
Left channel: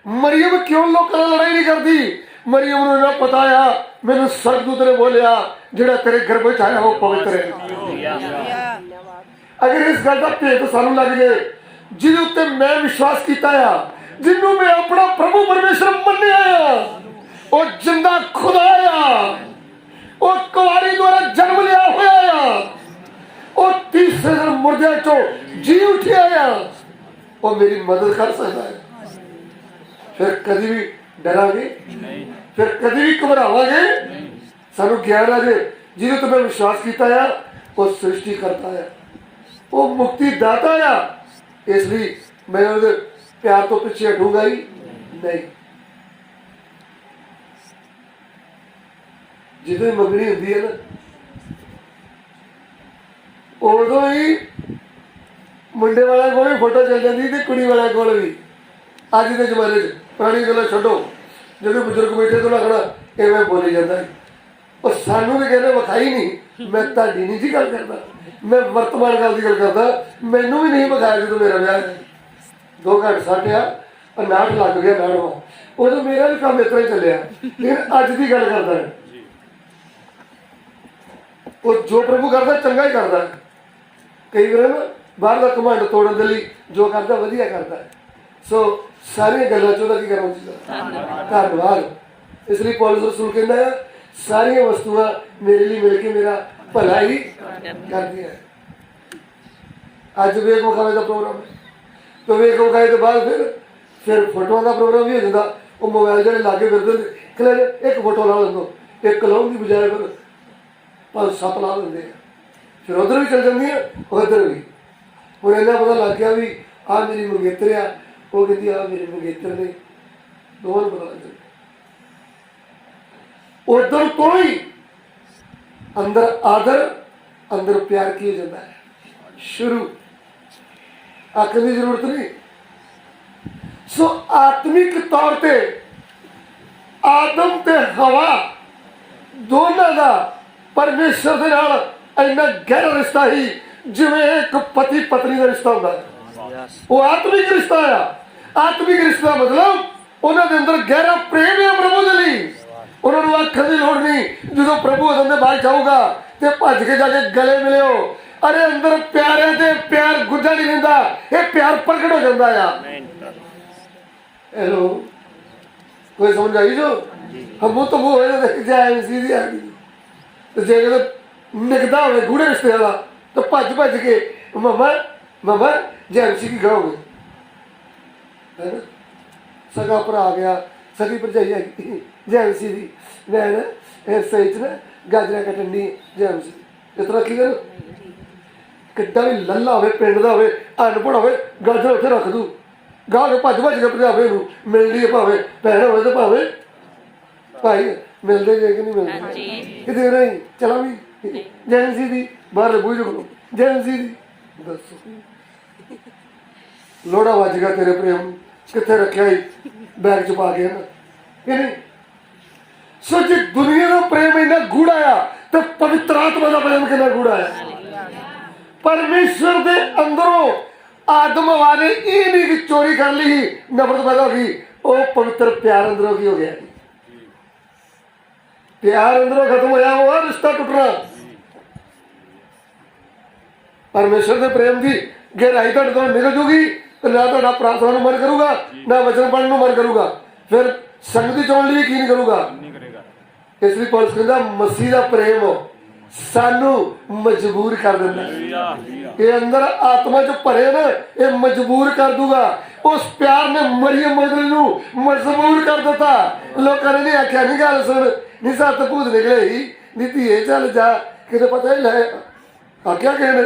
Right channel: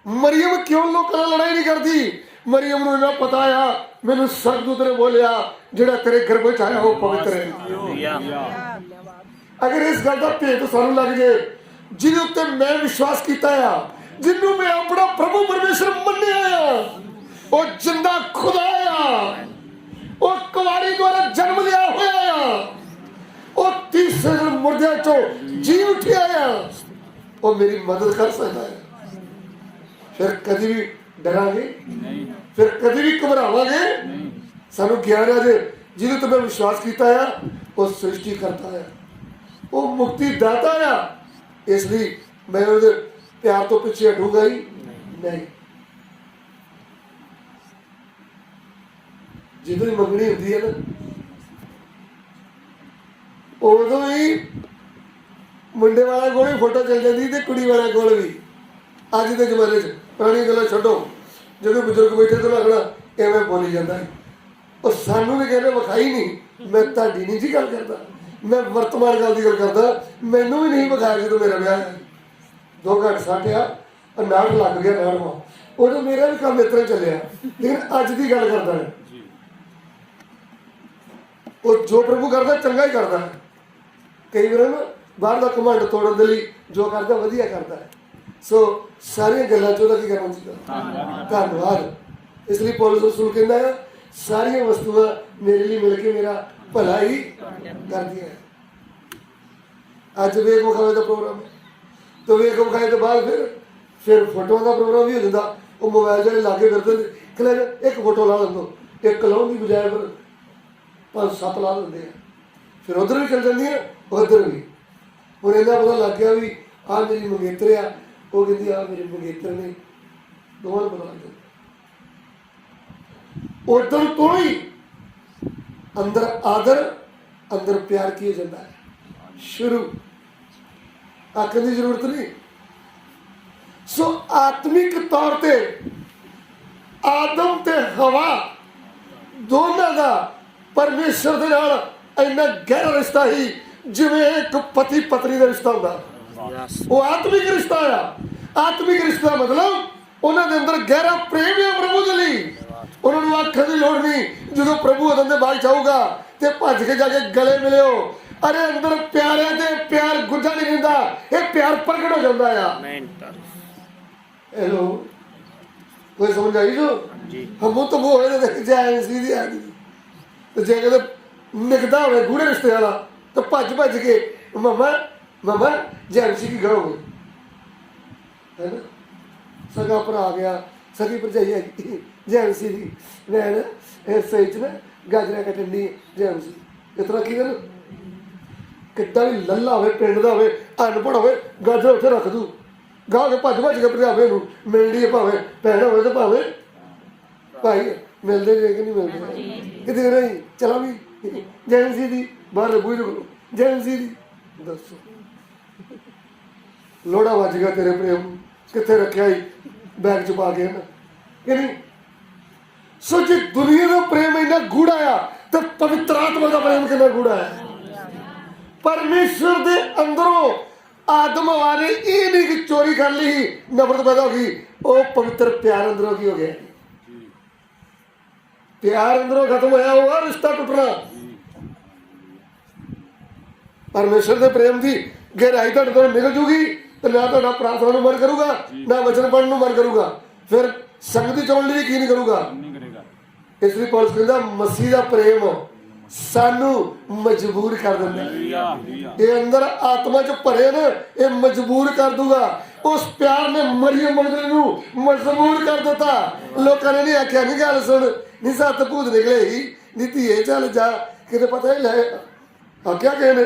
ਮਰੀਮ ਕਿਉਂ ਲੋਕਾਂ ਨਾਲ ਲੜਾਈ ਨਹੀਂ ਕਰਦੀ। ਮਰੀਮ ਨੂੰ ਨਾ ਪਤਾ ਆ ਮੈਨੂੰ ਸਵਰਗਦੂਤ ਨੇ ਬੋਲਿਆ ਜਿਹੜਾ ਤੇਰੇ ਗਰਭ ਵਿੱਚ ਆਇਆ ਉਹ ਪਵਿੱਤਰ ਹੈ। ਅਗਰ ਇਸ ਗੱਲ ਦਾ ਭੇਤ ਸਾਨੂੰ ਲੱਗ ਜਾਏ, ਜਿਹਦੇ ਉੱਤੇ ਮੈਂ ਵਿਸ਼ਵਾਸ ਕੀਤਾ ਆ, ਜਿਹਨੂੰ ਮੈਂ ਆਪਣਾ ਪ੍ਰਭੂ ਪਰਮੇਸ਼ਰ ਮੰਨਿਆ ਆ, ਉਹ ਜਿੰਦਾ ਖੁਦਾ ਆ, ਉਹ ਕੁਆਰੀ ਦੁਆਰਾ ਜਨਮ ਲਿਆ ਹੋਇਆ ਆ, ਉਹ ਤੀਸਰੇ ਦਿਨ ਮੁਰਦਿਆਂ ਚੋਂ ਜੀ ਉੱਠਿਆ ਆ, ਉਹ ਮੇਰੀ ਮਦਦ ਕਰ ਸਕਦਾ ਹੈ। ਫਿਰ ਕਦੀ ਵੀ ਡਰਾਂਗੇ, ਫਿਰ ਕਦੀ ਵੀ ਘਬਰਾਵਾਂਗੇ। ਸਾਨੂੰ ਗਿਆਨ ਆ ਜੇ ਜਿਹਦੇ ਉੱਤੇ ਮੈਂ ਵਿਸ਼ਵਾਸ ਕੀਤਾ ਆ, ਉਹ ਸ੍ਰਿਸ਼ਟੀ ਕਰਤਾ ਆ, ਉਹ ਮੁਕਤੀ ਦਾਤਾ ਆ। ਇਸ ਲਈ ਮੈਂ ਉਹਦੇ ਪਿਆਰ ਤੋਂ ਪਿੱਛੇ ਹਟੂੰਗਾ ਹੀ ਨਹੀਂ। ਜਦੋਂ ਮੰਗਣੀ ਹੁੰਦੀ ਹੈ ਨਾ, ਉਦੋਂ ਹੀ ਮੁੰਡੇ ਵਾਲਿਆਂ ਕੋਲ ਵੀ ਫੋਟੋ ਚੱਲ ਜਾਂਦੀ ਤੇ ਕੁੜੀ ਵਾਲਿਆਂ ਕੋਲ ਵੀ। ਅੱਜ ਦੇ ਜ਼ਮਾਨੇ 'ਚ ਪੁਰਾਣੀ ਗੱਲਾਂ ਛੱਡੋ, ਜਿਹੜੇ ਬਜ਼ੁਰਗ ਬੈਠੇ ਤੋਂ ਲੱਗਣਾ ਐਵੇਂ ਬੋਲੀ ਜਾਂਦਾ। ਉਹ ਸਾਨੂੰ ਵੀ ਕਹਿੰਦੇ ਵਿਖਾਈ ਨਹੀਂ। ਮੈਂ ਤੁਹਾਡੀ ਨਹੀਂ ਜੀ ਗੱਲ ਕਰਦਾ, ਮੈਂ ਵਰਤਮਾਨ ਗੱਲ ਦੀ ਗੱਲ ਕਰਦਾ। ਮੈਨੂੰ ਵੀ ਨਹੀਂ ਵਿਖਾਇਆ ਜਦੋਂ ਮੇਰਾ ਵਿਆਹ 2 ਘੰਟੇ ਸਾਟਿਆ, ਨਾਟ ਲੱਗ ਗਿਆ ਨਾੜਵਾ, ਉਦੋਂ ਮੇਰਾ ਵੀ ਕੰਮ ਇਸ ਤਰ੍ਹਾਂ ਚੱਲਿਆ। ਲੇਕਿਨ ਅੱਜ ਦੀ ਗੱਲ ਕਰਦਾ, ਉਹ ਜੋ ਪ੍ਰਭੂ ਕਰਦਾ ਚੰਗਾ ਹੀ ਕਰਦਾ। ਕਈ ਵਾਰ ਨਾ ਬਾਹਰ ਦਾ ਘਮੰਡ ਤੋੜਨ ਦੇ ਲਈ ਜੋ ਕਰਦਾ ਵਧੀਆ ਕਰਦਾ ਹੈ। ਸੋ ਸਾਰੀਆਂ ਗੱਲਾਂ 'ਚ ਉਹਦਾ ਕੀ ਕਰਨਾ ਚਾਹੀਦਾ, ਧੰਨਵਾਦ। ਇਸ ਲਈ ਪੌਲੁਸ ਰਸੂਲ ਕਹਿੰਦਾ ਆ ਸਾਰੀਆਂ ਵਸਤੂਆਂ ਮੇਰੇ ਲਈ ਮਿਲ ਕੇ ਮੇਰਾ ਭਲਾ ਹੀ ਕਰਦੀਆਂ। ਅੱਜ ਵੇਖ ਵਿਖਾਵੇ ਦਾ ਪ੍ਰੋਗਰਾਮ ਹੈ, ਤਾਂ ਵੇਖ ਵਿਖਾਏ ਤੋਂ ਬਾਅਦ ਫਿਰ ਫੋਟੋਆਂ ਦਾ ਪ੍ਰੋਗਰਾਮ ਵੀ ਹੋ ਜਾਂਦਾ। ਉਹ ਮੋਬਾਈਲ ਜਿਹੜੇ ਲਾਗੇ ਫਿਰਦੇ ਨੇ, ਕਹਿੰਦੇ ਇੱਕ ਫੋਟੋ ਲਾ ਦਿੰਦੋ, ਇੱਕ ਲਾਉਣ ਦੀ ਬਜਾਏ ਫਿਰ 5-7 ਲਾ ਦਿੰਦੇ ਆ। ਫਿਰ ਉੱਧਰ ਵੀ ਚੱਲ ਜਾਂਦੀਆਂ, ਉੱਧਰ ਵੀ। ਹੁਣ ਇੰਨਾ ਪਤਾ ਲੱਗ ਗਿਆ ਵੀ ਆਹ ਮੇਰੀ ਮੰਗੇਤਰ ਆ, ਉਹ ਕਹਿੰਦੀ ਆਹ ਮੇਰੇ ਮੰਗੇਤਰ ਨੇ, ਦੋਵਾਂ ਨੂੰ ਪਤਾ ਲੱਗ ਜਾਂਦਾ। ਉਧਰ ਤੋਂ ਹੀ ਅੰਦਰ ਆਦਰ, ਅੰਦਰ ਪਿਆਰ ਕੀਤਾ ਜਾਂਦਾ ਹੈ। ਸ਼ੁਰੂ ਆਖਣ ਦੀ ਜ਼ਰੂਰਤ ਨਹੀਂ। ਸੋ ਆਤਮਿਕ ਤੌਰ ਤੇ ਆਦਮ ਤੇ ਹਵਾ ਦੋਨਾਂ ਦਾ ਪਰਮੇਸ਼ਰ ਦੇ ਨਾਲ ਇੰਨਾ ਗਹਿਰਾ ਰਿਸ਼ਤਾ ਹੀ ਜਿਵੇਂ ਇੱਕ ਪਤੀ ਪਤਨੀ ਦਾ ਰਿਸ਼ਤਾ ਹੁੰਦਾ ਹੈ। ਉਹ ਆਤਮਿਕ ਰਿਸ਼ਤਾ ਆ। ਆਤਮਿਕ ਰਿਸ਼ਤਾ ਮਤਲਬ ਉਹਨਾਂ ਦੇ ਅੰਦਰ ਗਹਿਰਾ ਪ੍ਰੇਮ ਹੈ ਪ੍ਰਭੂ ਦੇ ਲਈ। ਉਹਨਾਂ ਨੂੰ ਆਖਣ ਦੀ ਲੋੜ ਨਹੀਂ, ਜਦੋਂ ਪ੍ਰਭੂ ਉਹਨਾਂ ਦੇ ਬਾਅਦ ਜਾਊਗਾ ਤੇ ਭੱਜ ਕੇ ਜਾ ਕੇ ਗਲੇ ਮਿਲਿਓ। ਅਰੇ ਅੰਦਰ ਪਿਆਰਿਆਂ ਤੇ ਪਿਆਰ ਗੁੱਝਾ ਨਹੀਂ ਰਹਿੰਦਾ, ਇਹ ਪਿਆਰ ਪ੍ਰਗਟ ਹੋ ਜਾਂਦਾ ਆ। ਹੈਲੋ, ਕੋਈ ਸਮਝ ਆਈ ਜੋ ਹਮੂ ਤਮੂ ਹੋਏ ਤਾਂ ਜਾਏ ਸੀ ਦੀ ਆ ਗਈ। ਤੇ ਜੇ ਕਿਤੇ ਨਿਕਦਾ ਹੋਵੇ ਗੂੜੇ ਰਿਸ਼ਤੇ ਵਾਲਾ ਤਾਂ ਭੱਜ ਕੇ ਮਮਾ ਜੈਮਸੀ ਕੀ ਕਰੋਗੇ, ਹੈ ਨਾ। ਸਗਾ ਭਰਾ ਆ ਗਿਆ, ਸਗੀ ਭਰਜਾਈ ਆ ਗਈ ਜੈਮਸੀ ਦੀ, ਮੈਂ ਨਾ ਇਸ ਵਿੱਚ ਨਾ ਗਾਜਰਾਂ ਕੱਟਣ ਦੀ ਜੈਮਸੀ। ਇਸ ਤਰ੍ਹਾਂ ਕੀ ਕਰ, ਕਿੱਡਾ ਵੀ ਲੱਲਾ ਹੋਵੇ, ਪਿੰਡ ਦਾ ਹੋਵੇ, ਅਨਪੜ੍ਹ ਹੋਵੇ, ਗਾਜਰ ਉੱਥੇ ਰੱਖ ਦੂ, ਗਾਹ ਕੇ ਭੱਜ ਕੇ ਪੰਜਾਬੇ ਨੂੰ ਮਿਲਦੀ ਹੈ, ਭਾਵੇਂ ਭੈਣ ਹੋਵੇ ਤੇ ਭਾਵੇਂ ਭਾਈ। ਮਿਲਦੇ ਜੇ ਕਿ ਨਹੀਂ ਮਿਲਦੇ ਕਿਤੇ ਨਹੀਂ। ਚਲਾ ਵੀ ਜੈਮਸੀ ਦੀ ਬਾਹਰ ਬੂਝ ਕੋਲ ਜੈਮਸੀ ਦੀ, ਦੱਸੋ ਲੋੜਾ ਵੱਜ ਗਿਆ ਤੇਰੇ ਪ੍ਰੇਮ ਨੂੰ, ਕਿੱਥੇ ਰੱਖਿਆ ਹੀ ਬੈਗ 'ਚ ਪਾ ਕੇ, ਹੈ ਨਾ ਕਿ ਨਹੀਂ। ਸੋ ਜੇ ਦੁਨੀਆ ਦਾ ਪ੍ਰੇਮ ਇੰਨਾ ਗੂੜਾ ਆ ਤੇ ਪਵਿੱਤਰ ਆਤਮਾ ਦਾ ਪ੍ਰੇਮ ਕਿੰਨਾ ਗੂੜਾ ਆ। ਪਰਮੇਸ਼ਰ ਦੇ ਅੰਦਰੋਂ ਆਦਮ ਹਵਾ ਨੇ ਇਹ ਨਹੀਂ ਕਿ ਚੋਰੀ ਕਰ ਲਈ ਨਫ਼ਰਤ ਪੈਦਾ ਹੋ ਗਈ, ਉਹ ਪਵਿੱਤਰ ਪਿਆਰ ਅੰਦਰੋਂ ਕੀ ਹੋ ਗਿਆ, ਪਿਆਰ ਅੰਦਰੋਂ ਖਤਮ ਹੋਇਆ, ਉਹ ਰਿਸ਼ਤਾ ਟੁੱਟਣਾ। ਪਰਮੇਸ਼ਰ ਦੇ ਪ੍ਰੇਮ ਦੀ ਗਹਿਰਾਈ ਤੁਹਾਡੇ ਕੋਲ ਨਿਕਲ ਜੂਗੀ ਤੇ ਨਾ ਤੁਹਾਡਾ ਪ੍ਰਾਰਥਨਾ ਨੂੰ ਮਨ ਕਰੂਗਾ, ਨਾ ਵਚਨ ਪੜ੍ਹਨ ਨੂੰ ਮਨ ਕਰੂਗਾ, ਫਿਰ ਸੰਗਤੀ ਚਾਉਣ ਲਈ ਕੀ ਨਹੀਂ ਕਰੂਗਾ। ਇਸ ਲਈ ਪੌਲੁਸ ਕਹਿੰਦਾ ਮਸੀਹ ਦਾ ਪ੍ਰੇਮ ਸਾਨੂੰ ਮਜਬੂਰ ਕਰ ਦਿੰਦਾ। ਇਹ ਅੰਦਰ ਆਤਮਾ 'ਚ ਭਰੇ ਨੇ, ਇਹ ਮਜਬੂਰ ਕਰ ਦੂਗਾ। ਉਸ ਪਿਆਰ ਨੇ ਮਰੀਮ ਮਗਦਲੀ ਨੂੰ ਮਜਬੂਰ ਕਰ ਦਿੱਤਾ। ਲੋਕਾਂ ਨੇ ਨਹੀਂ ਆਖਿਆ ਨਹੀਂ ਗੱਲ ਸੁਣ, ਨਹੀਂ ਸੱਤ ਭੂਤ ਨਿਕਲੇ ਹੀ, ਨੀ ਧੀਏ ਚੱਲ ਜਾ, ਕਿਤੇ ਪਤਾ ਹੀ ਲੈ ਆਖਿਆ ਕਿਸੇ ਨੇ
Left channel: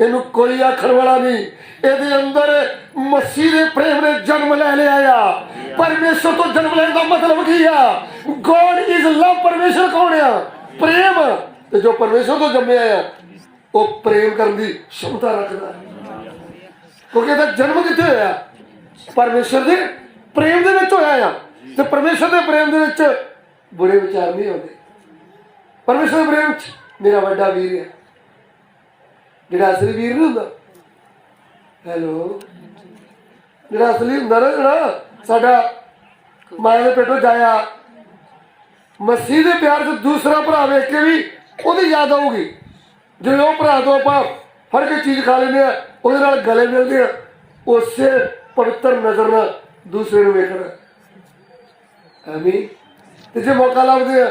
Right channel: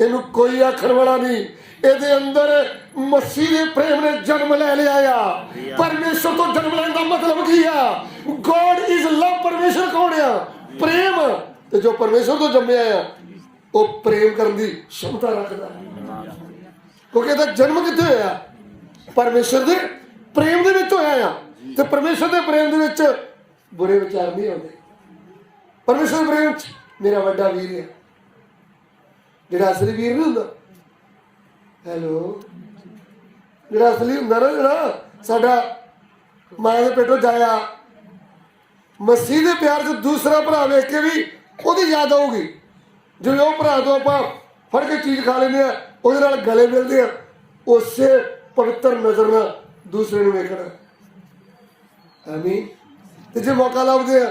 ਇਹਨੂੰ ਕੋਈ ਆਖਣ ਵਾਲਾ ਨਹੀਂ। ਇਹਦੇ ਅੰਦਰ ਮਸੀਹ ਦੇ ਪ੍ਰੇਮ ਨੇ ਜਨਮ ਲੈ ਲਿਆ ਆ। ਪਰਮੇਸ਼ਰ ਤੋਂ ਜਨਮ ਲੈਣ ਦਾ ਮਤਲਬ ਕੀ ਆ? ਗੋਡ ਇਜ਼ ਲਵ। ਪਰਮੇਸ਼ਰ ਕੌਣ ਆ? ਪ੍ਰੇਮ। ਤੇ ਜੋ ਪਰਮੇਸ਼ਰ ਤੋਂ ਜੰਮਿਆ ਆ ਉਹ ਪ੍ਰੇਮ ਕਰਨ ਦੀ ਸ਼ਮਤਾ ਰੱਖਦਾ, ਕਿਉਂਕਿ ਇਹਦਾ ਜਨਮ ਕਿੱਥੇ ਹੋਇਆ? ਪਰਮੇਸ਼ਰ ਦੇ ਪ੍ਰੇਮ ਦੇ ਵਿੱਚ ਹੋਇਆ ਆ। ਤੇ ਪਰਮੇਸ਼ਰ ਦੇ ਪ੍ਰੇਮ ਦੇ ਵਿੱਚ ਬੁਰੇ ਵਿਚਾਰ ਨਹੀਂ ਆਉਂਦੇ। ਪਰਮੇਸ਼ਰ ਦੇ ਪ੍ਰੇਮ 'ਚ ਮੇਰਾ ਵੱਡਾ ਵੀਰ ਹੈ, ਜਿਹੜਾ ਅਸਲੀ ਵੀਰ ਨਹੀਂ ਹੁੰਦਾ। ਹੈਲੋ, ਜਿਹੜਾ ਅਸਲੀ ਹੁੰਦਾ ਨਾ, ਜਿਹੜਾ ਸਾਡਾ ਮਾਂ ਦੇ ਪੇਟੋਂ ਜਾਇਆ, ਮਸੀਹ ਦੇ ਪਿਆਰ 'ਚ ਦੂਸਰਾ ਭਰਾ ਵੇਖ ਕੇ ਵੀ ਉਹਦੀ ਯਾਦ ਆਊਗੀ। ਜਿਵੇਂ ਉਹ ਭਰਾ ਤੋਂ ਆਪਾਂ ਫੜ ਕੇ ਚੀਜ਼ ਖਾ ਲੈਂਦੇ ਆ, ਉਹਦੇ ਨਾਲ ਗਲੇ ਮਿਲਦੇ ਆ, ਉਸੇ ਪਵਿੱਤਰ ਨਜ਼ਰ ਨਾਲ ਦੂਸਰੇ ਨੂੰ ਵੇਖਣਾ। ਐਵੇਂ ਤੇ ਜੇ ਮੌਕਾ ਲੱਭਦੇ ਆ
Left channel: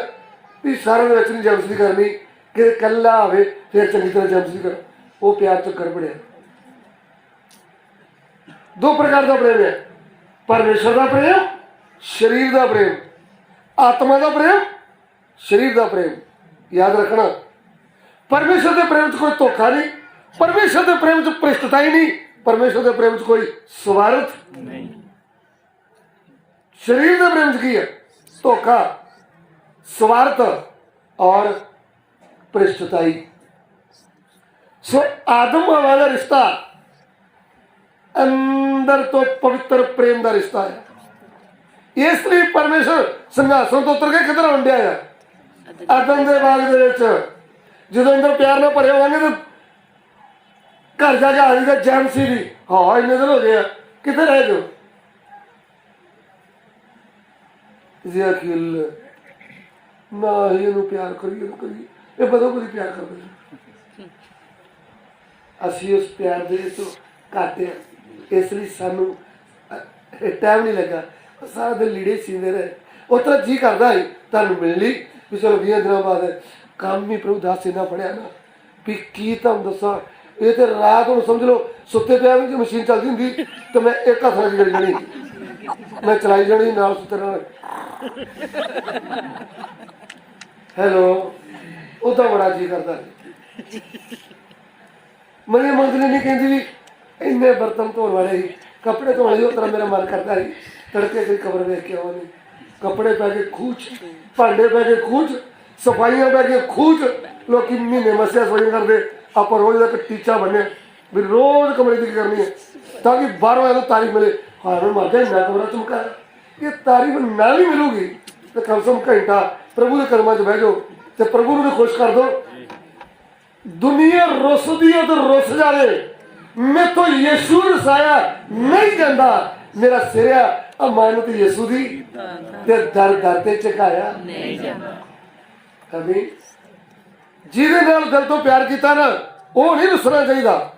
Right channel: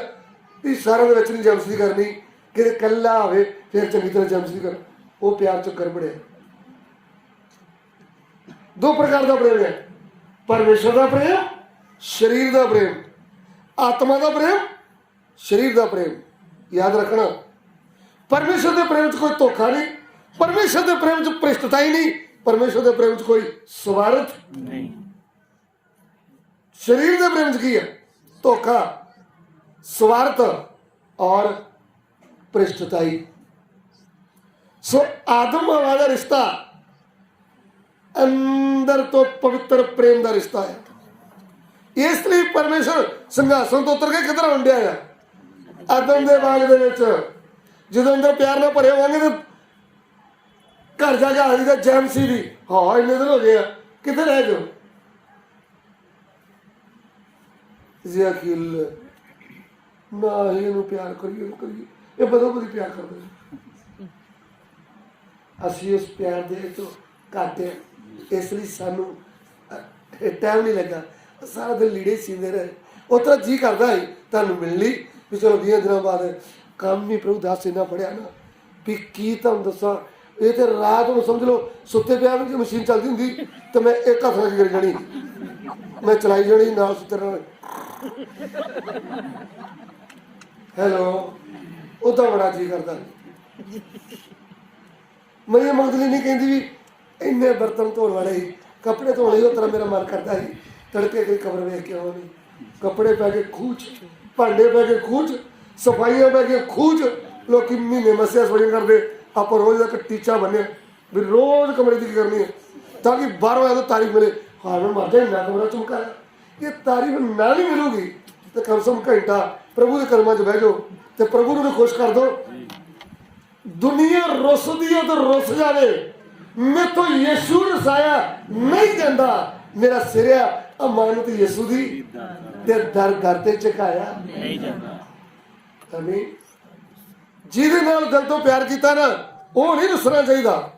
ਵੀ ਸਾਰਿਆਂ ਦੇ ਵਿੱਚ ਨਹੀਂ ਜੈਲਸੀ ਕਰਨੀ, ਕਿ ਇਕੱਲਾ ਹੋਵੇ ਫਿਰ ਚੰਗੀ ਤਰ੍ਹਾਂ ਜੈਲਸੀ ਕਰੋ, ਉਹ ਪਿਆਰ ਚੋਂ ਗੜਬੜਿਆ। ਦੋ ਪ੍ਰਕਾਰ ਦਾ ਪ੍ਰੇਮ ਹੈ, ਪਰਮੇਸ਼ਰ ਦਾ ਪ੍ਰੇਮ, ਸਰੀਰ ਦਾ ਪ੍ਰੇਮ। ਆਤਮਾ ਦਾ ਪ੍ਰੇਮ, ਸਰੀਰ ਦਾ ਪ੍ਰੇਮ। ਯਾਦ ਰੱਖਣਾ, ਪਰਮੇਸ਼ਰ ਦੇ ਪ੍ਰੇਮ 'ਚ ਕੋਈ ਧੋਖਾ ਨਹੀਂ, ਪਰਮੇਸ਼ਰ ਦੇ ਪ੍ਰੇਮ 'ਚ ਭ੍ਰਿਸ਼ਟਤਾ ਹੀ ਨਹੀਂ, ਪਰਮੇਸ਼ਰ ਦੇ ਪ੍ਰੇਮ 'ਚ ਕੋਈ ਸਵਾਰਥ ਨਹੀਂ। ਸਰੀਰ ਦੇ ਪ੍ਰੇਮ 'ਚ ਕੀ ਹੈ? ਧੋਖਾ, ਸਵਾਰਥ ਔਰ ਭ੍ਰਿਸ਼ਟਤਾਈ। ਸੋ ਆਦਮ ਹਵਾ ਦਾ ਰਿਸ਼ਤਾ ਅੰਦਰ ਤੋਂ ਪਵਿੱਤਰ ਪ੍ਰੇਮ ਦਾ ਰਿਸ਼ਤਾ ਹੈ। ਇਸ ਲਈ ਪਰਮੇਸ਼ਰ ਸਿੰਘਾਸਨ ਤੋਂ ਉਤਰ ਕੇ ਕਿੱਧਰ ਆਉਂਦਿਆ ਆ? ਆਦਮ ਦੇ ਬਾਗ ਦੇ ਵਿੱਚ। ਜਦੋਂ ਅੰਦਰ ਪਿਆਰ ਨਾਲ ਭਰੇ ਹੋਵਾਂਗੇ ਤਾਂ ਘਰ ਜਾ ਕੇ ਹਾਜ਼ਰੀ ਦਾ ਜੈਮਸੀ ਦੀ ਹਾਂ ਇੰਨੇ ਦਿਨ ਹੋ ਗਏ ਆ, ਕਿੱਥੇ ਰਹਿ ਜਾਓ? ਜ਼ਿਆਕਿਲ ਨਾ ਹੀ ਇਹਨੂੰ ਪਿਆਰ ਕਰੀਏ, ਇਹ ਬਦੋ ਬਦੀ ਪਿਆਰ ਕਰਦੇ। ਅਸੀਂ ਉਸ ਪਿਆਰ ਦੇ ਤੋਂ ਘੱਟ ਆ, ਇਸ ਲਈ ਸਾਨੂੰ ਟਾਈਮ ਨਹੀਂ ਲੱਗਾ। ਸਾਰਾ ਦਿਨ ਲੀੜੇ ਸੀਂਦੇ ਰਹੇ। ਉਸ ਤਰ੍ਹਾਂ ਜੀ ਕਰਦਾ ਸੀ ਤੁਹਾਨੂੰ ਮਿਲ ਲਈ ਵੀ ਚਲੋ 20 ਦਿਨਾਂ ਬਾਅਦ ਕੰਮ ਵੀ ਪ੍ਰਭੂ ਦਾਸ ਇੰਨਾ ਪੜਿਆ ਨਾ ਵੀ ਕੀ ਤੁਹਾਨੂੰ ਦੱਸਾਂ। ਇਹ ਤੇ ਰਾਤ ਨੂੰ ਸਮਝ ਲਓ ਸੁੱਤੇ ਪਿਆ ਵੀ ਜੇ ਮਸ਼ੀਨ ਚੱਲਦੀ ਹੁੰਦੀ ਤਾਂ ਮੈਂ ਇੱਕ ਹੱਥ ਨਾਲ ਵਿਗੜ ਜਾਣੀ, ਮੈਂ ਚਲਾਈ ਜਾਣੀ ਨਾਲ ਸੁੱਤੇ ਨਾਲ। ਹੈਲੋ, ਉਹਦਾ ਬੜਾ ਜੀ ਕਰਦਾ। ਮਰੀ ਮੰਗਲੀ ਨਹੀਂ ਕਹਿੰਦੀ ਵੀ ਇੰਨੇ ਬਰਤਨ ਧੋਣ ਵਾਲੇ ਸੀ, ਕੱਪੜੇ ਧੋਣ ਲਈ। ਉਹ ਤਰ੍ਹਾਂ ਮੇਰਾ ਮਨ ਕਰਦਾ ਸੀ ਤੜਕੇ ਕੋਈ ਕਬਰ ਵੇਖ ਕੇ ਆਵਾਂਗੇ। ਕੱਪੜੇ ਪੈ ਕੇ ਖੂਚ, ਭਾਂਡੇ ਪੈ ਕੇ ਖੂਚ, ਸਫਾਈਆਂ ਪੈ ਕੇ ਖੂਚ। ਲੋਕੀ ਮਹੀਨੇ ਮਸਿਆ ਸਫਾਈਆਂ ਕਰਦੇ, ਆਪਾਂ ਰੋਜ਼ ਦਾ ਇੱਕ ਟੀਚਾ ਬੰਨਿਆ ਵੀ ਰੋਜ਼ ਕਮਰੇ ਦੀ ਕਰਨੀ ਹੈ ਤਾਂ ਕਿ ਬਾਹਰੋਂ ਆਇਆ ਤਾਂ ਤਾਰੀਫ ਮਿਲੇ। ਹਾਂ ਮੈਂ ਮਰ ਜਾ ਇੰਨਾ ਕਮਰਾ ਚਮਕਾਇਆ। ਇਹ ਤਾਰੀਫ ਨਾ ਵੀ ਮਿਲੂਗੀ ਤਾਂ ਕਮ ਸੇ ਕਮ ਘੰਟਾ ਪ੍ਰਭੂ ਦੇ ਕਰਮਾਂ 'ਚ ਬਹਿ ਜਾਓ ਤੇ ਪ੍ਰਭੂ ਨੂੰ ਵੀ ਖੁਸ਼ ਕਰ ਦਿਓ। ਦੁਨੀਆ ਰੁੱਸਦੀ ਹੈ ਤਾਂ ਰੁੱਸ ਜਾਵੇ, ਮੈਥੋਂ ਯਿਸੂ ਰਸਾਇਆ ਨਹੀਂ ਜਾਂਦਾ। ਮੇਰਾ ਸਿਰ ਆ ਅਮਾਨਤ ਯਿਸੂ ਦੀ ਤੇ ਦਰ ਦਰ ਤੇ ਝੁਕਾਇਆ ਨਹੀਂ ਜਾਂਦਾ। ਅਮੀਨ। ਜਿਹਦੇ ਨਾਲ ਦਿਲ ਤੋਂ ਪਿਆਰ ਕੀਤਾ ਨਾ ਉਹ ਨਹੀਂ ਰੁੱਸਣਾ ਚਾਹੀਦਾ।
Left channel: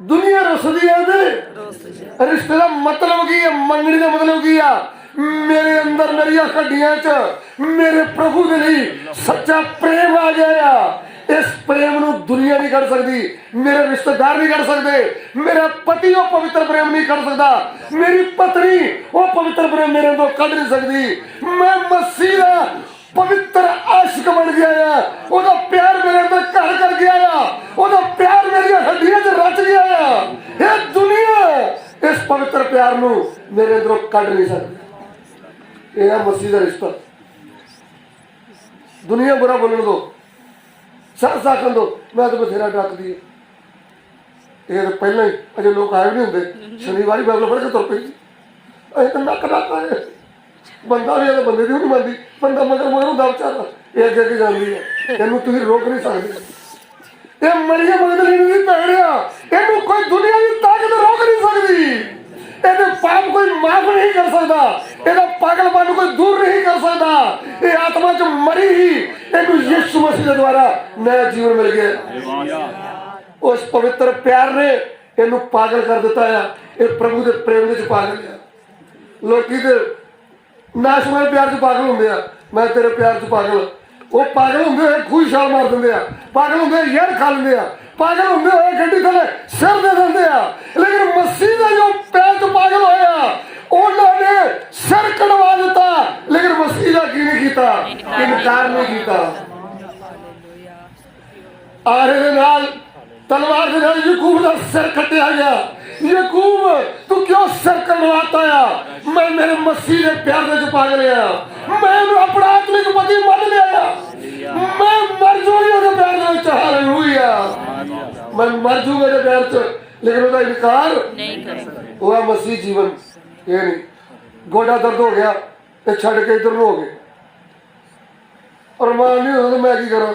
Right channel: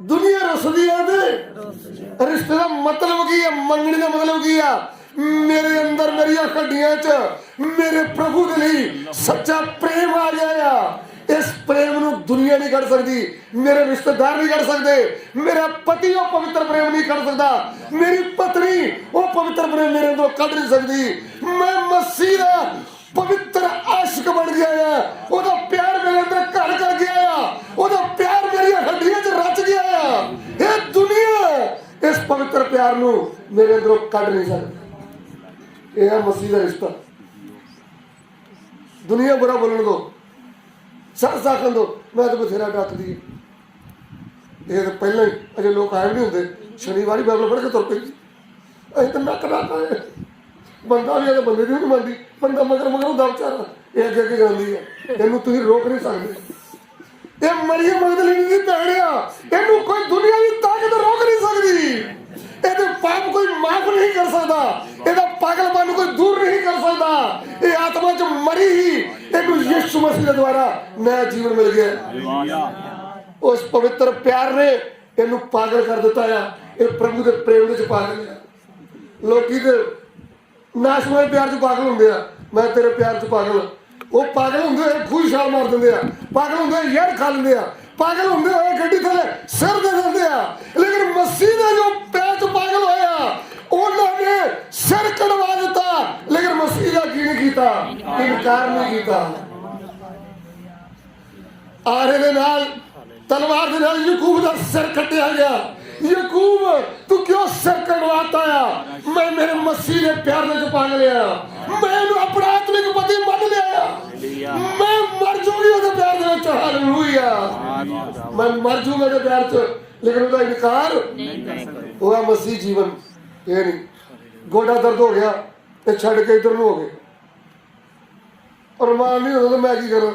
ਦੁਨੀਆ ਰੁੱਸਦੀ ਹੈ ਤੇ ਰਿਸ਼ਤੇ ਦਾ ਮਤਲਬ ਕੀ ਹੈ? ਮੰਗਣੀ ਦਾ ਮਤਲਬ ਕੀ ਆ? ਮੇਰੇ ਅੰਦਰ ਮੇਰੀਆਂ ਹੱਡੀਆਂ 'ਚ ਮੇਰੇ ਪ੍ਰਭੂ ਦੇ ਲਈ ਸੱਚਾ ਪ੍ਰੇਮ ਆ ਗਿਆ ਆ। ਇਸ ਪ੍ਰੇਮ ਨੂੰ ਦੁਨੀਆ ਨਹੀਂ ਕੱਢ ਸਕਦੀ, ਮੇਰੇ ਰਿਸ਼ਤੇਦਾਰ ਨਹੀਂ ਕੱਢ ਸਕਦੇ, ਮੇਰਾ ਪਤੀ ਉਹ ਪਵਿੱਤਰ ਪ੍ਰੇਮ ਨਹੀਂ ਕੱਢ ਸਕਦਾ, ਮੇਰੀ ਪਤਨੀ ਉਹ ਪਵਿੱਤਰ ਪ੍ਰੇਮ ਮੇਰੇ ਅੰਦਰੋਂ ਕੱਢ ਨਹੀਂ ਸਕਦੀ। ਮੈਂ ਮਸੀਹ ਦਾ ਪਵਿੱਤਰ ਆਸ਼ਿਕ ਬਣ ਗਿਆ ਆ। ਉਹਦਾ ਪਿਆਰ ਮੇਰੇ ਅੰਦਰ ਘਰ ਕਰ ਗਿਆ ਆ, ਉਹਦਾ ਪਿਆਰ ਮੇਰੀਆਂ ਹੱਡੀਆਂ 'ਚ ਰਚ ਗਿਆ ਆ। ਇਹ ਦੁਨੀਆ ਇਸ ਪਵਿੱਤਰ ਪਿਆਰ ਨੂੰ ਮੇਰੇ ਅੰਦਰੋਂ ਕੱਢ ਨਹੀਂ ਸਕਦੀ। ਇਹ ਹੈ ਮਸੀਹ ਦਾ ਰਿਸ਼ਤਾ। ਦੁਨੀਆ ਬੁਰਾ ਬੋਲਣ ਦੋ, ਸੱਸ ਆਖਣ ਦੋ, ਮੈਂ ਤਾਂ ਬਥੇਰਾ ਡੱਕਦੀ ਹੈ। ਇਹ ਤਾਂ ਪਹਿਲਾਂ ਹੀ ਅਜੇ ਲੋਕ ਆਏ ਨਹੀਂ ਹੁੰਦੇ, ਸ਼ਨੀਵਾਰੀ ਬਾਈਬਲ ਪੜ੍ਹ ਕੇ ਤੁਰ ਪਈ। ਅਸੀਂ ਤਾਂ ਨੱਕ ਡੱਕ ਆਏ। ਬੰਦਾ ਵੀ ਇਹਦੇ ਬੰਦੇ ਦੀ ਨਹੀਂ ਮੰਨਦੀ, ਬੰਦਾ ਮਗਰ ਮਗਰ ਹੁੰਦਾ ਵਿਚਾਰਾ, ਇਹ ਅੱਗੇ ਅੱਗੇ ਜਾਂਦੀ ਹੈ। ਇਹਨੂੰ ਤੁਸੀਂ ਰੋਕ ਨਹੀਂ ਸਕਦੇ। ਇਹ ਮਰੀਆ ਮਗਦਲੀਨੀ ਦੀ ਭੈਣ ਆ, ਇਹਨੂੰ ਕੋਈ ਦੁਨੀਆ ਦੀ ਤਾਕਤ ਰੋਕ ਨਹੀਂ ਸਕਦੀ। ਇਹਦੇ ਪਾਪ ਕੋਈ ਮਾਫ ਨਹੀਂ ਕਰ ਸਕਦਾ, ਇਹਦਾ ਪਾਗਲਪਨ ਨੂੰ ਕੋਈ ਦੂਰ ਨਹੀਂ ਕਰ ਸਕਦਾ। ਇਹ ਆਤਮਾ 'ਚ ਮਰੀ ਹੀ ਇਹਨੂੰ ਯਿਸੂ ਮਸੀਹ ਦੇ ਦੁਆਰਾ ਨया ਜੀਵਨ ਮਿਲ ਗਿਆ। ਉਸ ਪਵਿੱਤਰ ਪਿਆਰ ਨੇ ਇਹਨੂੰ ਪਾਗਲ ਕਰ ਦਿੱਤਾ ਆ। ਇਹ ਪ੍ਰਭੂ ਦੇ ਪ੍ਰੇਮ ਵਿੱਚ ਪਾਗਲ ਆ। ਲੋਕੀ ਤੇ ਨਾਸ਼ਵਾਨ ਪਿਆਰ 'ਚ ਪਾਗਲ ਹੁੰਦੇ ਆ, ਮੈਂ ਤੇਰੇ ਪਿਆਰ 'ਚ ਪਾਗਲ। ਉਹ ਪਾਗਲ ਹੁੰਦੇ ਹੋਏ ਖੂਹ ਛਾਲ ਮਾਰ ਦਿੰਦੇ ਆ, ਪਾਗਲ ਹੁੰਦੇ ਹੋਏ ਯਾਰ ਖਾ ਲੈਂਦੇ ਆ, ਪਾਗਲ ਹੁੰਦੇ ਹੋਏ ਗੱਡੀ ਥੱਲੇ ਸਿਰ ਦੇ ਦਿੰਦੇ ਆ। ਲੇਕਿਨ ਮਸੀਹ ਦੇ ਜੋ ਪਿਆਰ 'ਚ ਪਾਗਲ ਹੋਇਆ ਉਹਨਾਂ ਨੇ ਸਿਰ ਕਢਵਾ ਦਿੱਤਾ, ਲੇਕਿਨ ਮਸੀਹ ਦਾ ਕੀ ਨਹੀਂ ਕੀਤਾ? ਇਨਕਾਰ ਨਹੀਂ ਕੀਤਾ। आरे दे नाल तलवार दे नाल याकूब दा सिर कटिया गया। याकूब तू क्यों सिर कटवाता है? मैं मेरे मसीह दे प्यार दे पा लिया, मैं अपना आत्मिक पति मान लिया, मैं मर जाऊंगी ਉਹਦੇ प्यार दे विच। हालेलुया, मैं मर जाऊंगा ਉਹਦੇ प्यार च, लेकिन ਉਹਦਾ इनकार नहीं करेगा। वो मसीह जीवन ये नहीं। गोडा दर्द हो गया तो छड़ के इधर हो गए और मान नहीं होता मैं की करा।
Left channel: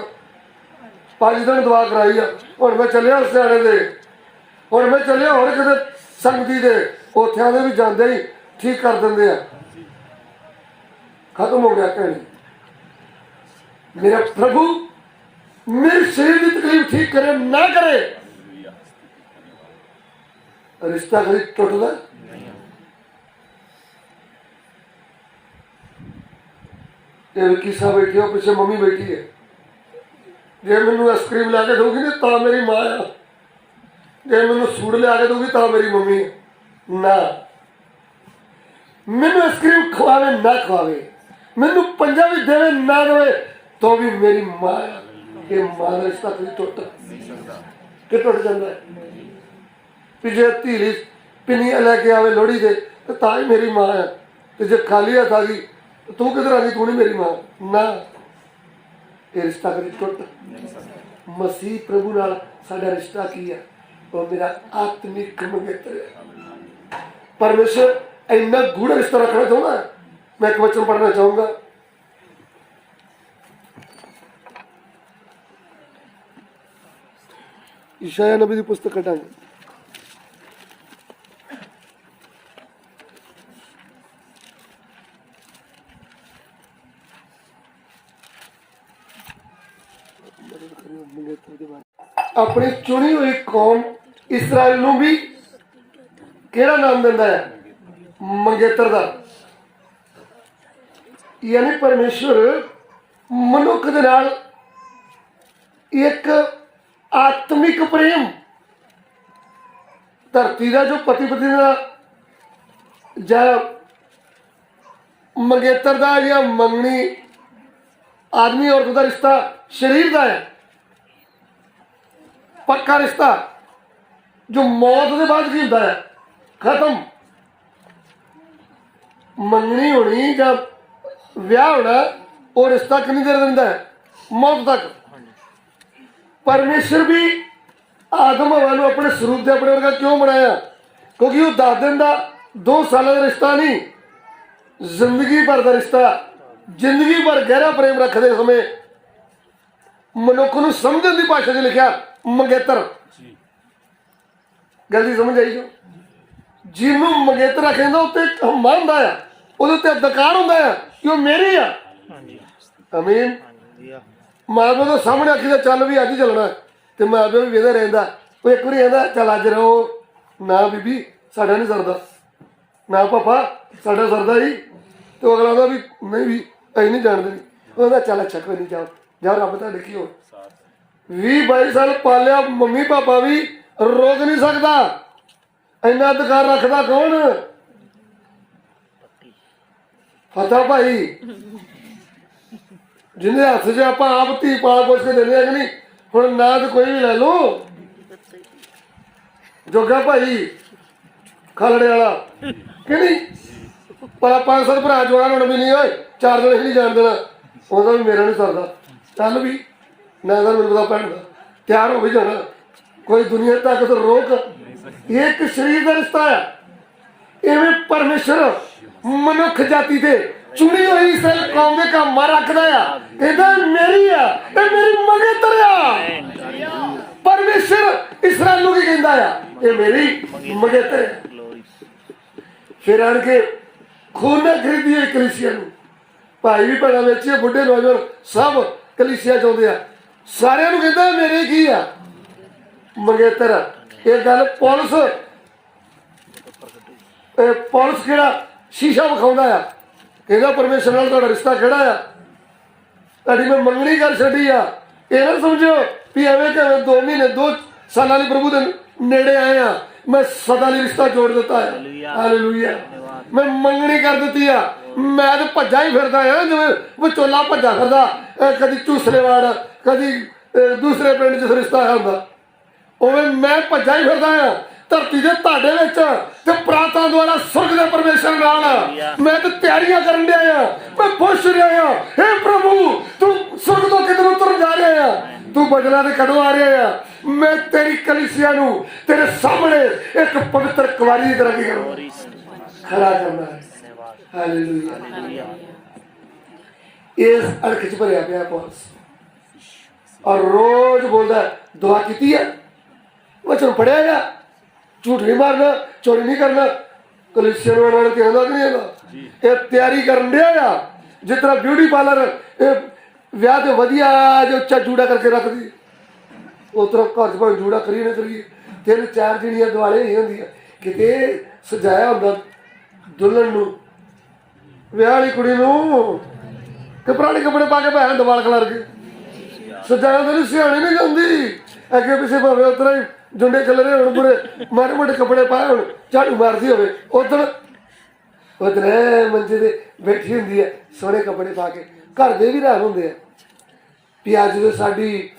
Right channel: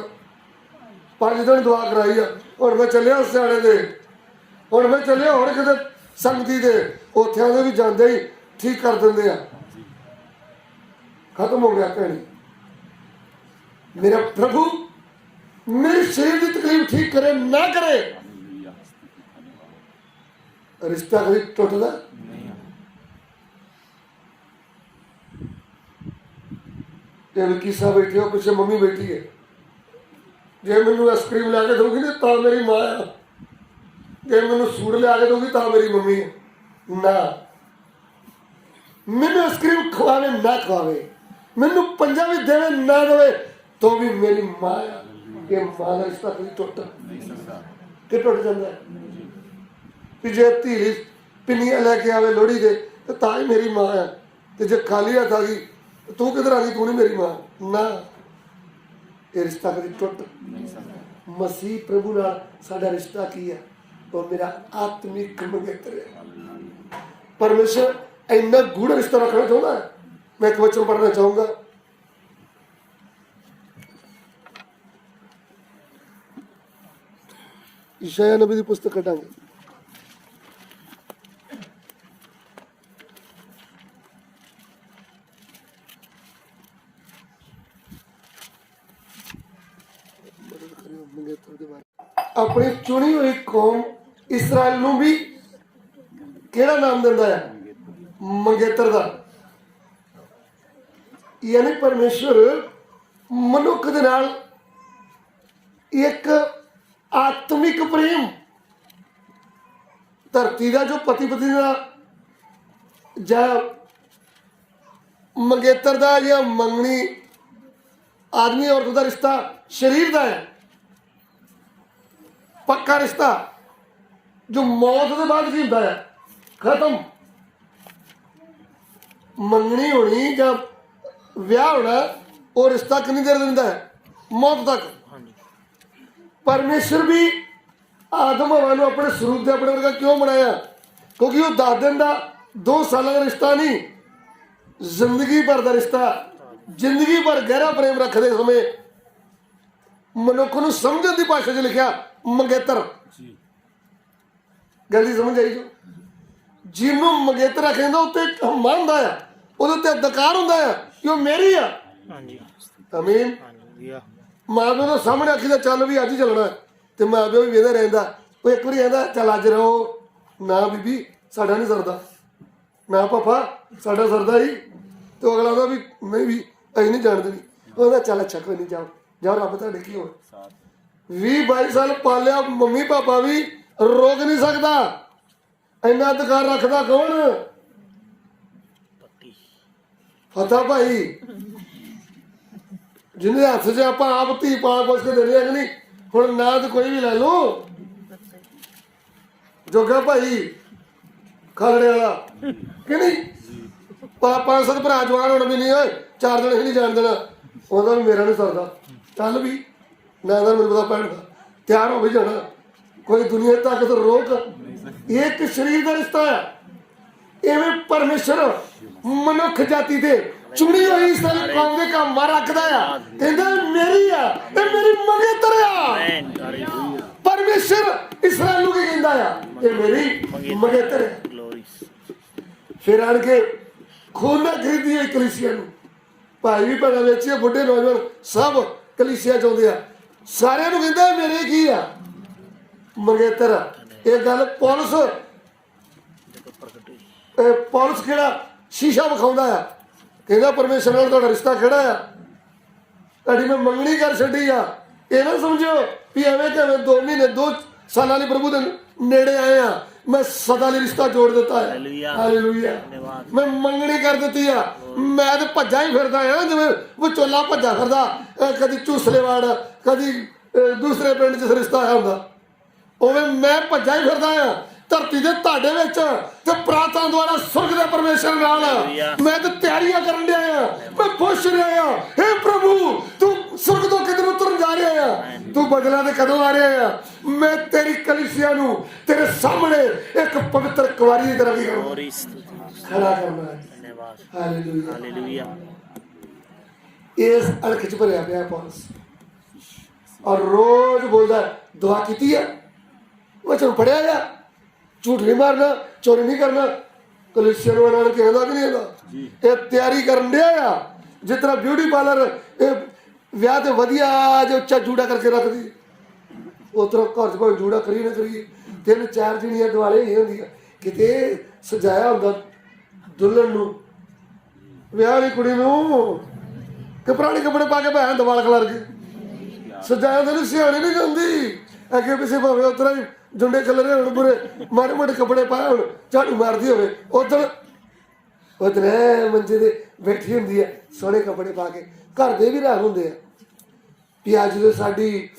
5 दिन दवा कराई है, और मैं चलिया सियाने दे, और मैं चलिया और किते संगती दे, उत्थे दे भी जाते ही ठीक कर देंगे। खत्म हो गया कहानी। मेरा प्रभु मेरे शरीर की तकलीफ ठीक करे ना करे, रिश्ता कभी टुटदा किसा बैठी हो, पीछे मम्मी बैठी है, जे मैनू आइसक्रीम ला के दोगी ना तो मेरी माँ है, जे मैनू सूट लिया के दोगी तो मेरी मम्मी है ना। मैनू आइसक्रीम खवावे ना खवावे, मैनू पंजा भी देवे ना देवे, तो भी मेरी माँ है। ये माँ का रिश्ता कभी टुट जाता है कि जे धीरी पिनिया लैके आवे लोहड़ी दे तो ही मेरी माँ है, तो जे खाली हथ आ गई तू किधर आ गई, तू नहीं मेरी माँ ना। ये रिश्ता कभी टुट। मसीह प्रभु नाल साडा रिश्ता की है? वो मेरा आत्मिक मंगेतर है। परमेश्वर इन्ना गूढ़ रिश्ता रखना चाहता है। मैं एक वचन पढ़ना चाहूंगा, यशायाह नबी की पुस्तक कटांगे, अपनी चुनी हुई कौम इसराइल नूं भी केड़ा नाम दिंदा है? मंगेतर दा। यानी परमेश्वर मनुख दे नाल एक आत्मिक प्रेम, धरती का जो पति पत्नी का या मंगेतर का या मंगनी आदमी औरत का रिश्ता शरीर का है, पक्का रिश्ता जो मौत के बाद की होता है, खत्म। मंगनी होनी या ब्याह होना वो रिश्ता कितनी देर दिंदा है? मौत तक। परमेश्वर भी आदम हवा नूं अपने स्वरूप से अपने वर्गा क्यों बनाया? क्योंकि वो 10 दिन का 2 साल का रिश्ता नहीं, जिंदगी भर का रिश्ता, जिंदगी भर गहरा प्रेम रखते समय मनुख नूं समझण की भाषा च लिखा मंगेतर। गलती समझ आई जो जिन्हों मंगेतर आखिया उत्ते हम्मा हुंदा है, उहदे उत्ते अधिकार हुंदा है कि वह मेरी आ। आमीन। माँ प्यो तो सामने आखी दा चल भी अज ही चलना, तो माँ प्यो भी वेंदा रहिंदा, वो एक बारी कहंदा चल अज रहो ना बीबी साडा नहीं सरदा, ना पापा साडा सरदा ही, तो अगला आंदा भी नहीं भी असीं नहीं जाणदे। कहंदा चल अच्छा कोई नहीं, जाओ जाओ, रब तुहाडे की हो। 20-22 साल पालिया मम्मी पापा भी रोक नहीं सकता। इन्ना अधिकार रखता कौन? फतेह भाई, जिन्हें हथ च आप धी पाल पोस के देने कि नहीं। हुण ना तो कोई भी लै लो, जोगा भाई खालड़े वाला कि नहीं, पर 5-7 भरा जवान होने भी नहीं होए, 4 दिन ही नहीं जान देना, ਉਹਦਾ भी मेरा नहीं सरदा। चल भी ना मेरे पता भैन का तैयार हो भी जाना, कोई दुनिया तक तो रोक। एक शरीर का रिश्ता है। इवें परमेश्वर मनुख जाति से चुनी हुई इसराइल कौम के काम रखता है, कहता मेरी है, मेरी मंगेतर आ। परमेश्वर इसराइल की कहता है ये मेरी मंगेतर है। फिर आन के खून ने खरीदी हुई कलीसिया, भाई भी भैन बेची, बुढ़े नौजवान सब कलीसिया चाहते हैं, सारे कहता मेरे की आ मंगेतर। एक गल पौलुस केड़ा शीशा विखाउंदा है, कहता परमेश्वर नाल तुहाडा रिश्ता केड़ा आ, तुहाडी मैं मंगनी कर छड्डी आ। ये ना समझो भी एवें कि 2 महीने 2 साल प्रभु के नेड़े आए हैं, मैं सदा लिए रिश्ता जोड़ दिता है। हालेलुया। मैं मंगनी कर दी है, मैं तो भज्जा ही फिरदा है जिवें विचोला भज्जा फिरदा, कदी झूसले वाड़, कदी ਦੂਸਰੇ ਪਿੰਡ 'ਚ ਰਿਸ਼ਤਾ ਆਇਆ ਹੁੰਦਾ, ਉਵੇਂ ਮੈਂ ਭੱਜਾ ਹੀ ਫਿਰਦਾ ਆ ਧਰਤੀ ਦੇ ਤੁਹਾਡੇ ਵਿੱਚ ਤੇ ਪ੍ਰਾਤਾਂ ਦੁਆਰਾ ਸੁਰਗ ਦੇ ਪਰਮੇਸ਼ਰ ਨਾਲ। ਮੈਂ ਤੇ ਤਿਆਰੀਆਂ ਕਰਨ ਡਿਆ ਆ, ਮੈਂ ਪੁੱਛ ਰਿਹਾ ਆ, ਹੇ ਪ੍ਰਭੂ ਤੂੰ ਸੁਰਗ ਤੋਂ ਕਿਧਰ ਉਤਰਨ ਜਾ ਰਿਹਾ ਆ, ਤੂੰ ਬਦਲਾ ਤੇ ਕਦੋਂ ਆ ਰਿਹਾ ਆ? ਮੈਂ ਤੇਰੀ ਕਲੀਸਿਆ ਨੂੰ ਤੇਰੇ ਸਾਹਮਣੇ ਇੱਕ ਪਵਿੱਤਰ ਕੁਆਰੀ ਦੀ ਤਰ੍ਹਾਂ ਕੀ ਕਰਾਂ, ਖੜਾ ਕਰਨਾ ਹੈ। ਹਾਲੇਲੂਇਆ। ਇਸ ਅਰਖ 'ਚ ਭਰਿਆ ਪਿਆ ਪੌਲਸ, ਔਰ ਰੋਜ਼ ਬੋਲਦਾ ਦੁਆ ਕੀਤੀ ਹੈ, ਵਚਨ ਪੜਿਆ ਆ, ਝੂਠ ਨਹੀਂ ਮਾਰਨਾ, ਚੋਰੀ ਨਹੀਂ ਕਰਨਾ। ਕਲੀਸਿਆ ਨੂੰ ਉਹਨਾਂ ਨੇ ਕਹਿੰਦਾ ਕਿ ਨਹੀਂ ਇਹਦਾ ਇਹ ਤਿਆਰੀ ਕਰਨ ਡਿਆ ਆ, ਜਿਸ ਤਰ੍ਹਾਂ ਬਿਊਟੀ ਪਾਰਲਰ ਇਹ ਵਿਆਹ ਤੇ ਵਧੀਆ ਜੇ ਉੱਚਾ ਜੂੜਾ ਕਰਕੇ ਰੱਖਦੀ, ਉਸ ਤਰ੍ਹਾਂ ਘਰ 'ਚ ਭਾਵੇਂ ਜੂੜਾ ਕਰੀ ਨਾ ਕਰੀਏ, 3-4 ਜਿਹੜੀਆਂ ਦੁਆਲੇ ਨਹੀਂ ਹੁੰਦੀਆਂ, ਕਿਤੇ ਸਜਾਇਆ ਹੁੰਦਾ ਦੁਲਹਨ ਨੂੰ, ਵਿਆਹ ਵਾਲੀ ਕੁੜੀ ਨੂੰ, ਤੇ ਪੁਰਾਣੇ ਕੱਪੜੇ ਪਾ ਕੇ ਭੈਣ ਦਵਾਲ ਖਲਾਰ ਕੇ ਸਜਾਇਆ ਤਾਂ ਨਹੀਂ, ਸਿਆਣੀ ਨਹੀਂ ਜਾਂਦੀ ਅੱਗੇ ਪਿੱਛੇ, ਭਾਵੇਂ ਉਸ ਤਰ੍ਹਾਂ ਹੀ ਜੁੰਡੇ ਖਲਰੇ ਹੋਣ, ਬੁਰੇ ਮਾੜੇ ਮੋਟੇ ਕੱਪੜੇ ਪਾਏ ਹੋਣ, ਝਾੜੂ ਮਾਰਦੀ ਹੋਵੇ, ਉਧਰ ਮੰਜੇ ਤੇ ਬੈਠੀ ਹੁੰਦੀ ਹੈ ਸੋਹਣੇ ਕੱਪੜੇ ਪਾ ਕੇ। ਘਰ ਦੇ ਵੀ ਹੈਰਾਨ ਹੁੰਦੇ ਆ ਵੀ ਅੱਜ ਜਦੋਂ ਸਾਡੀ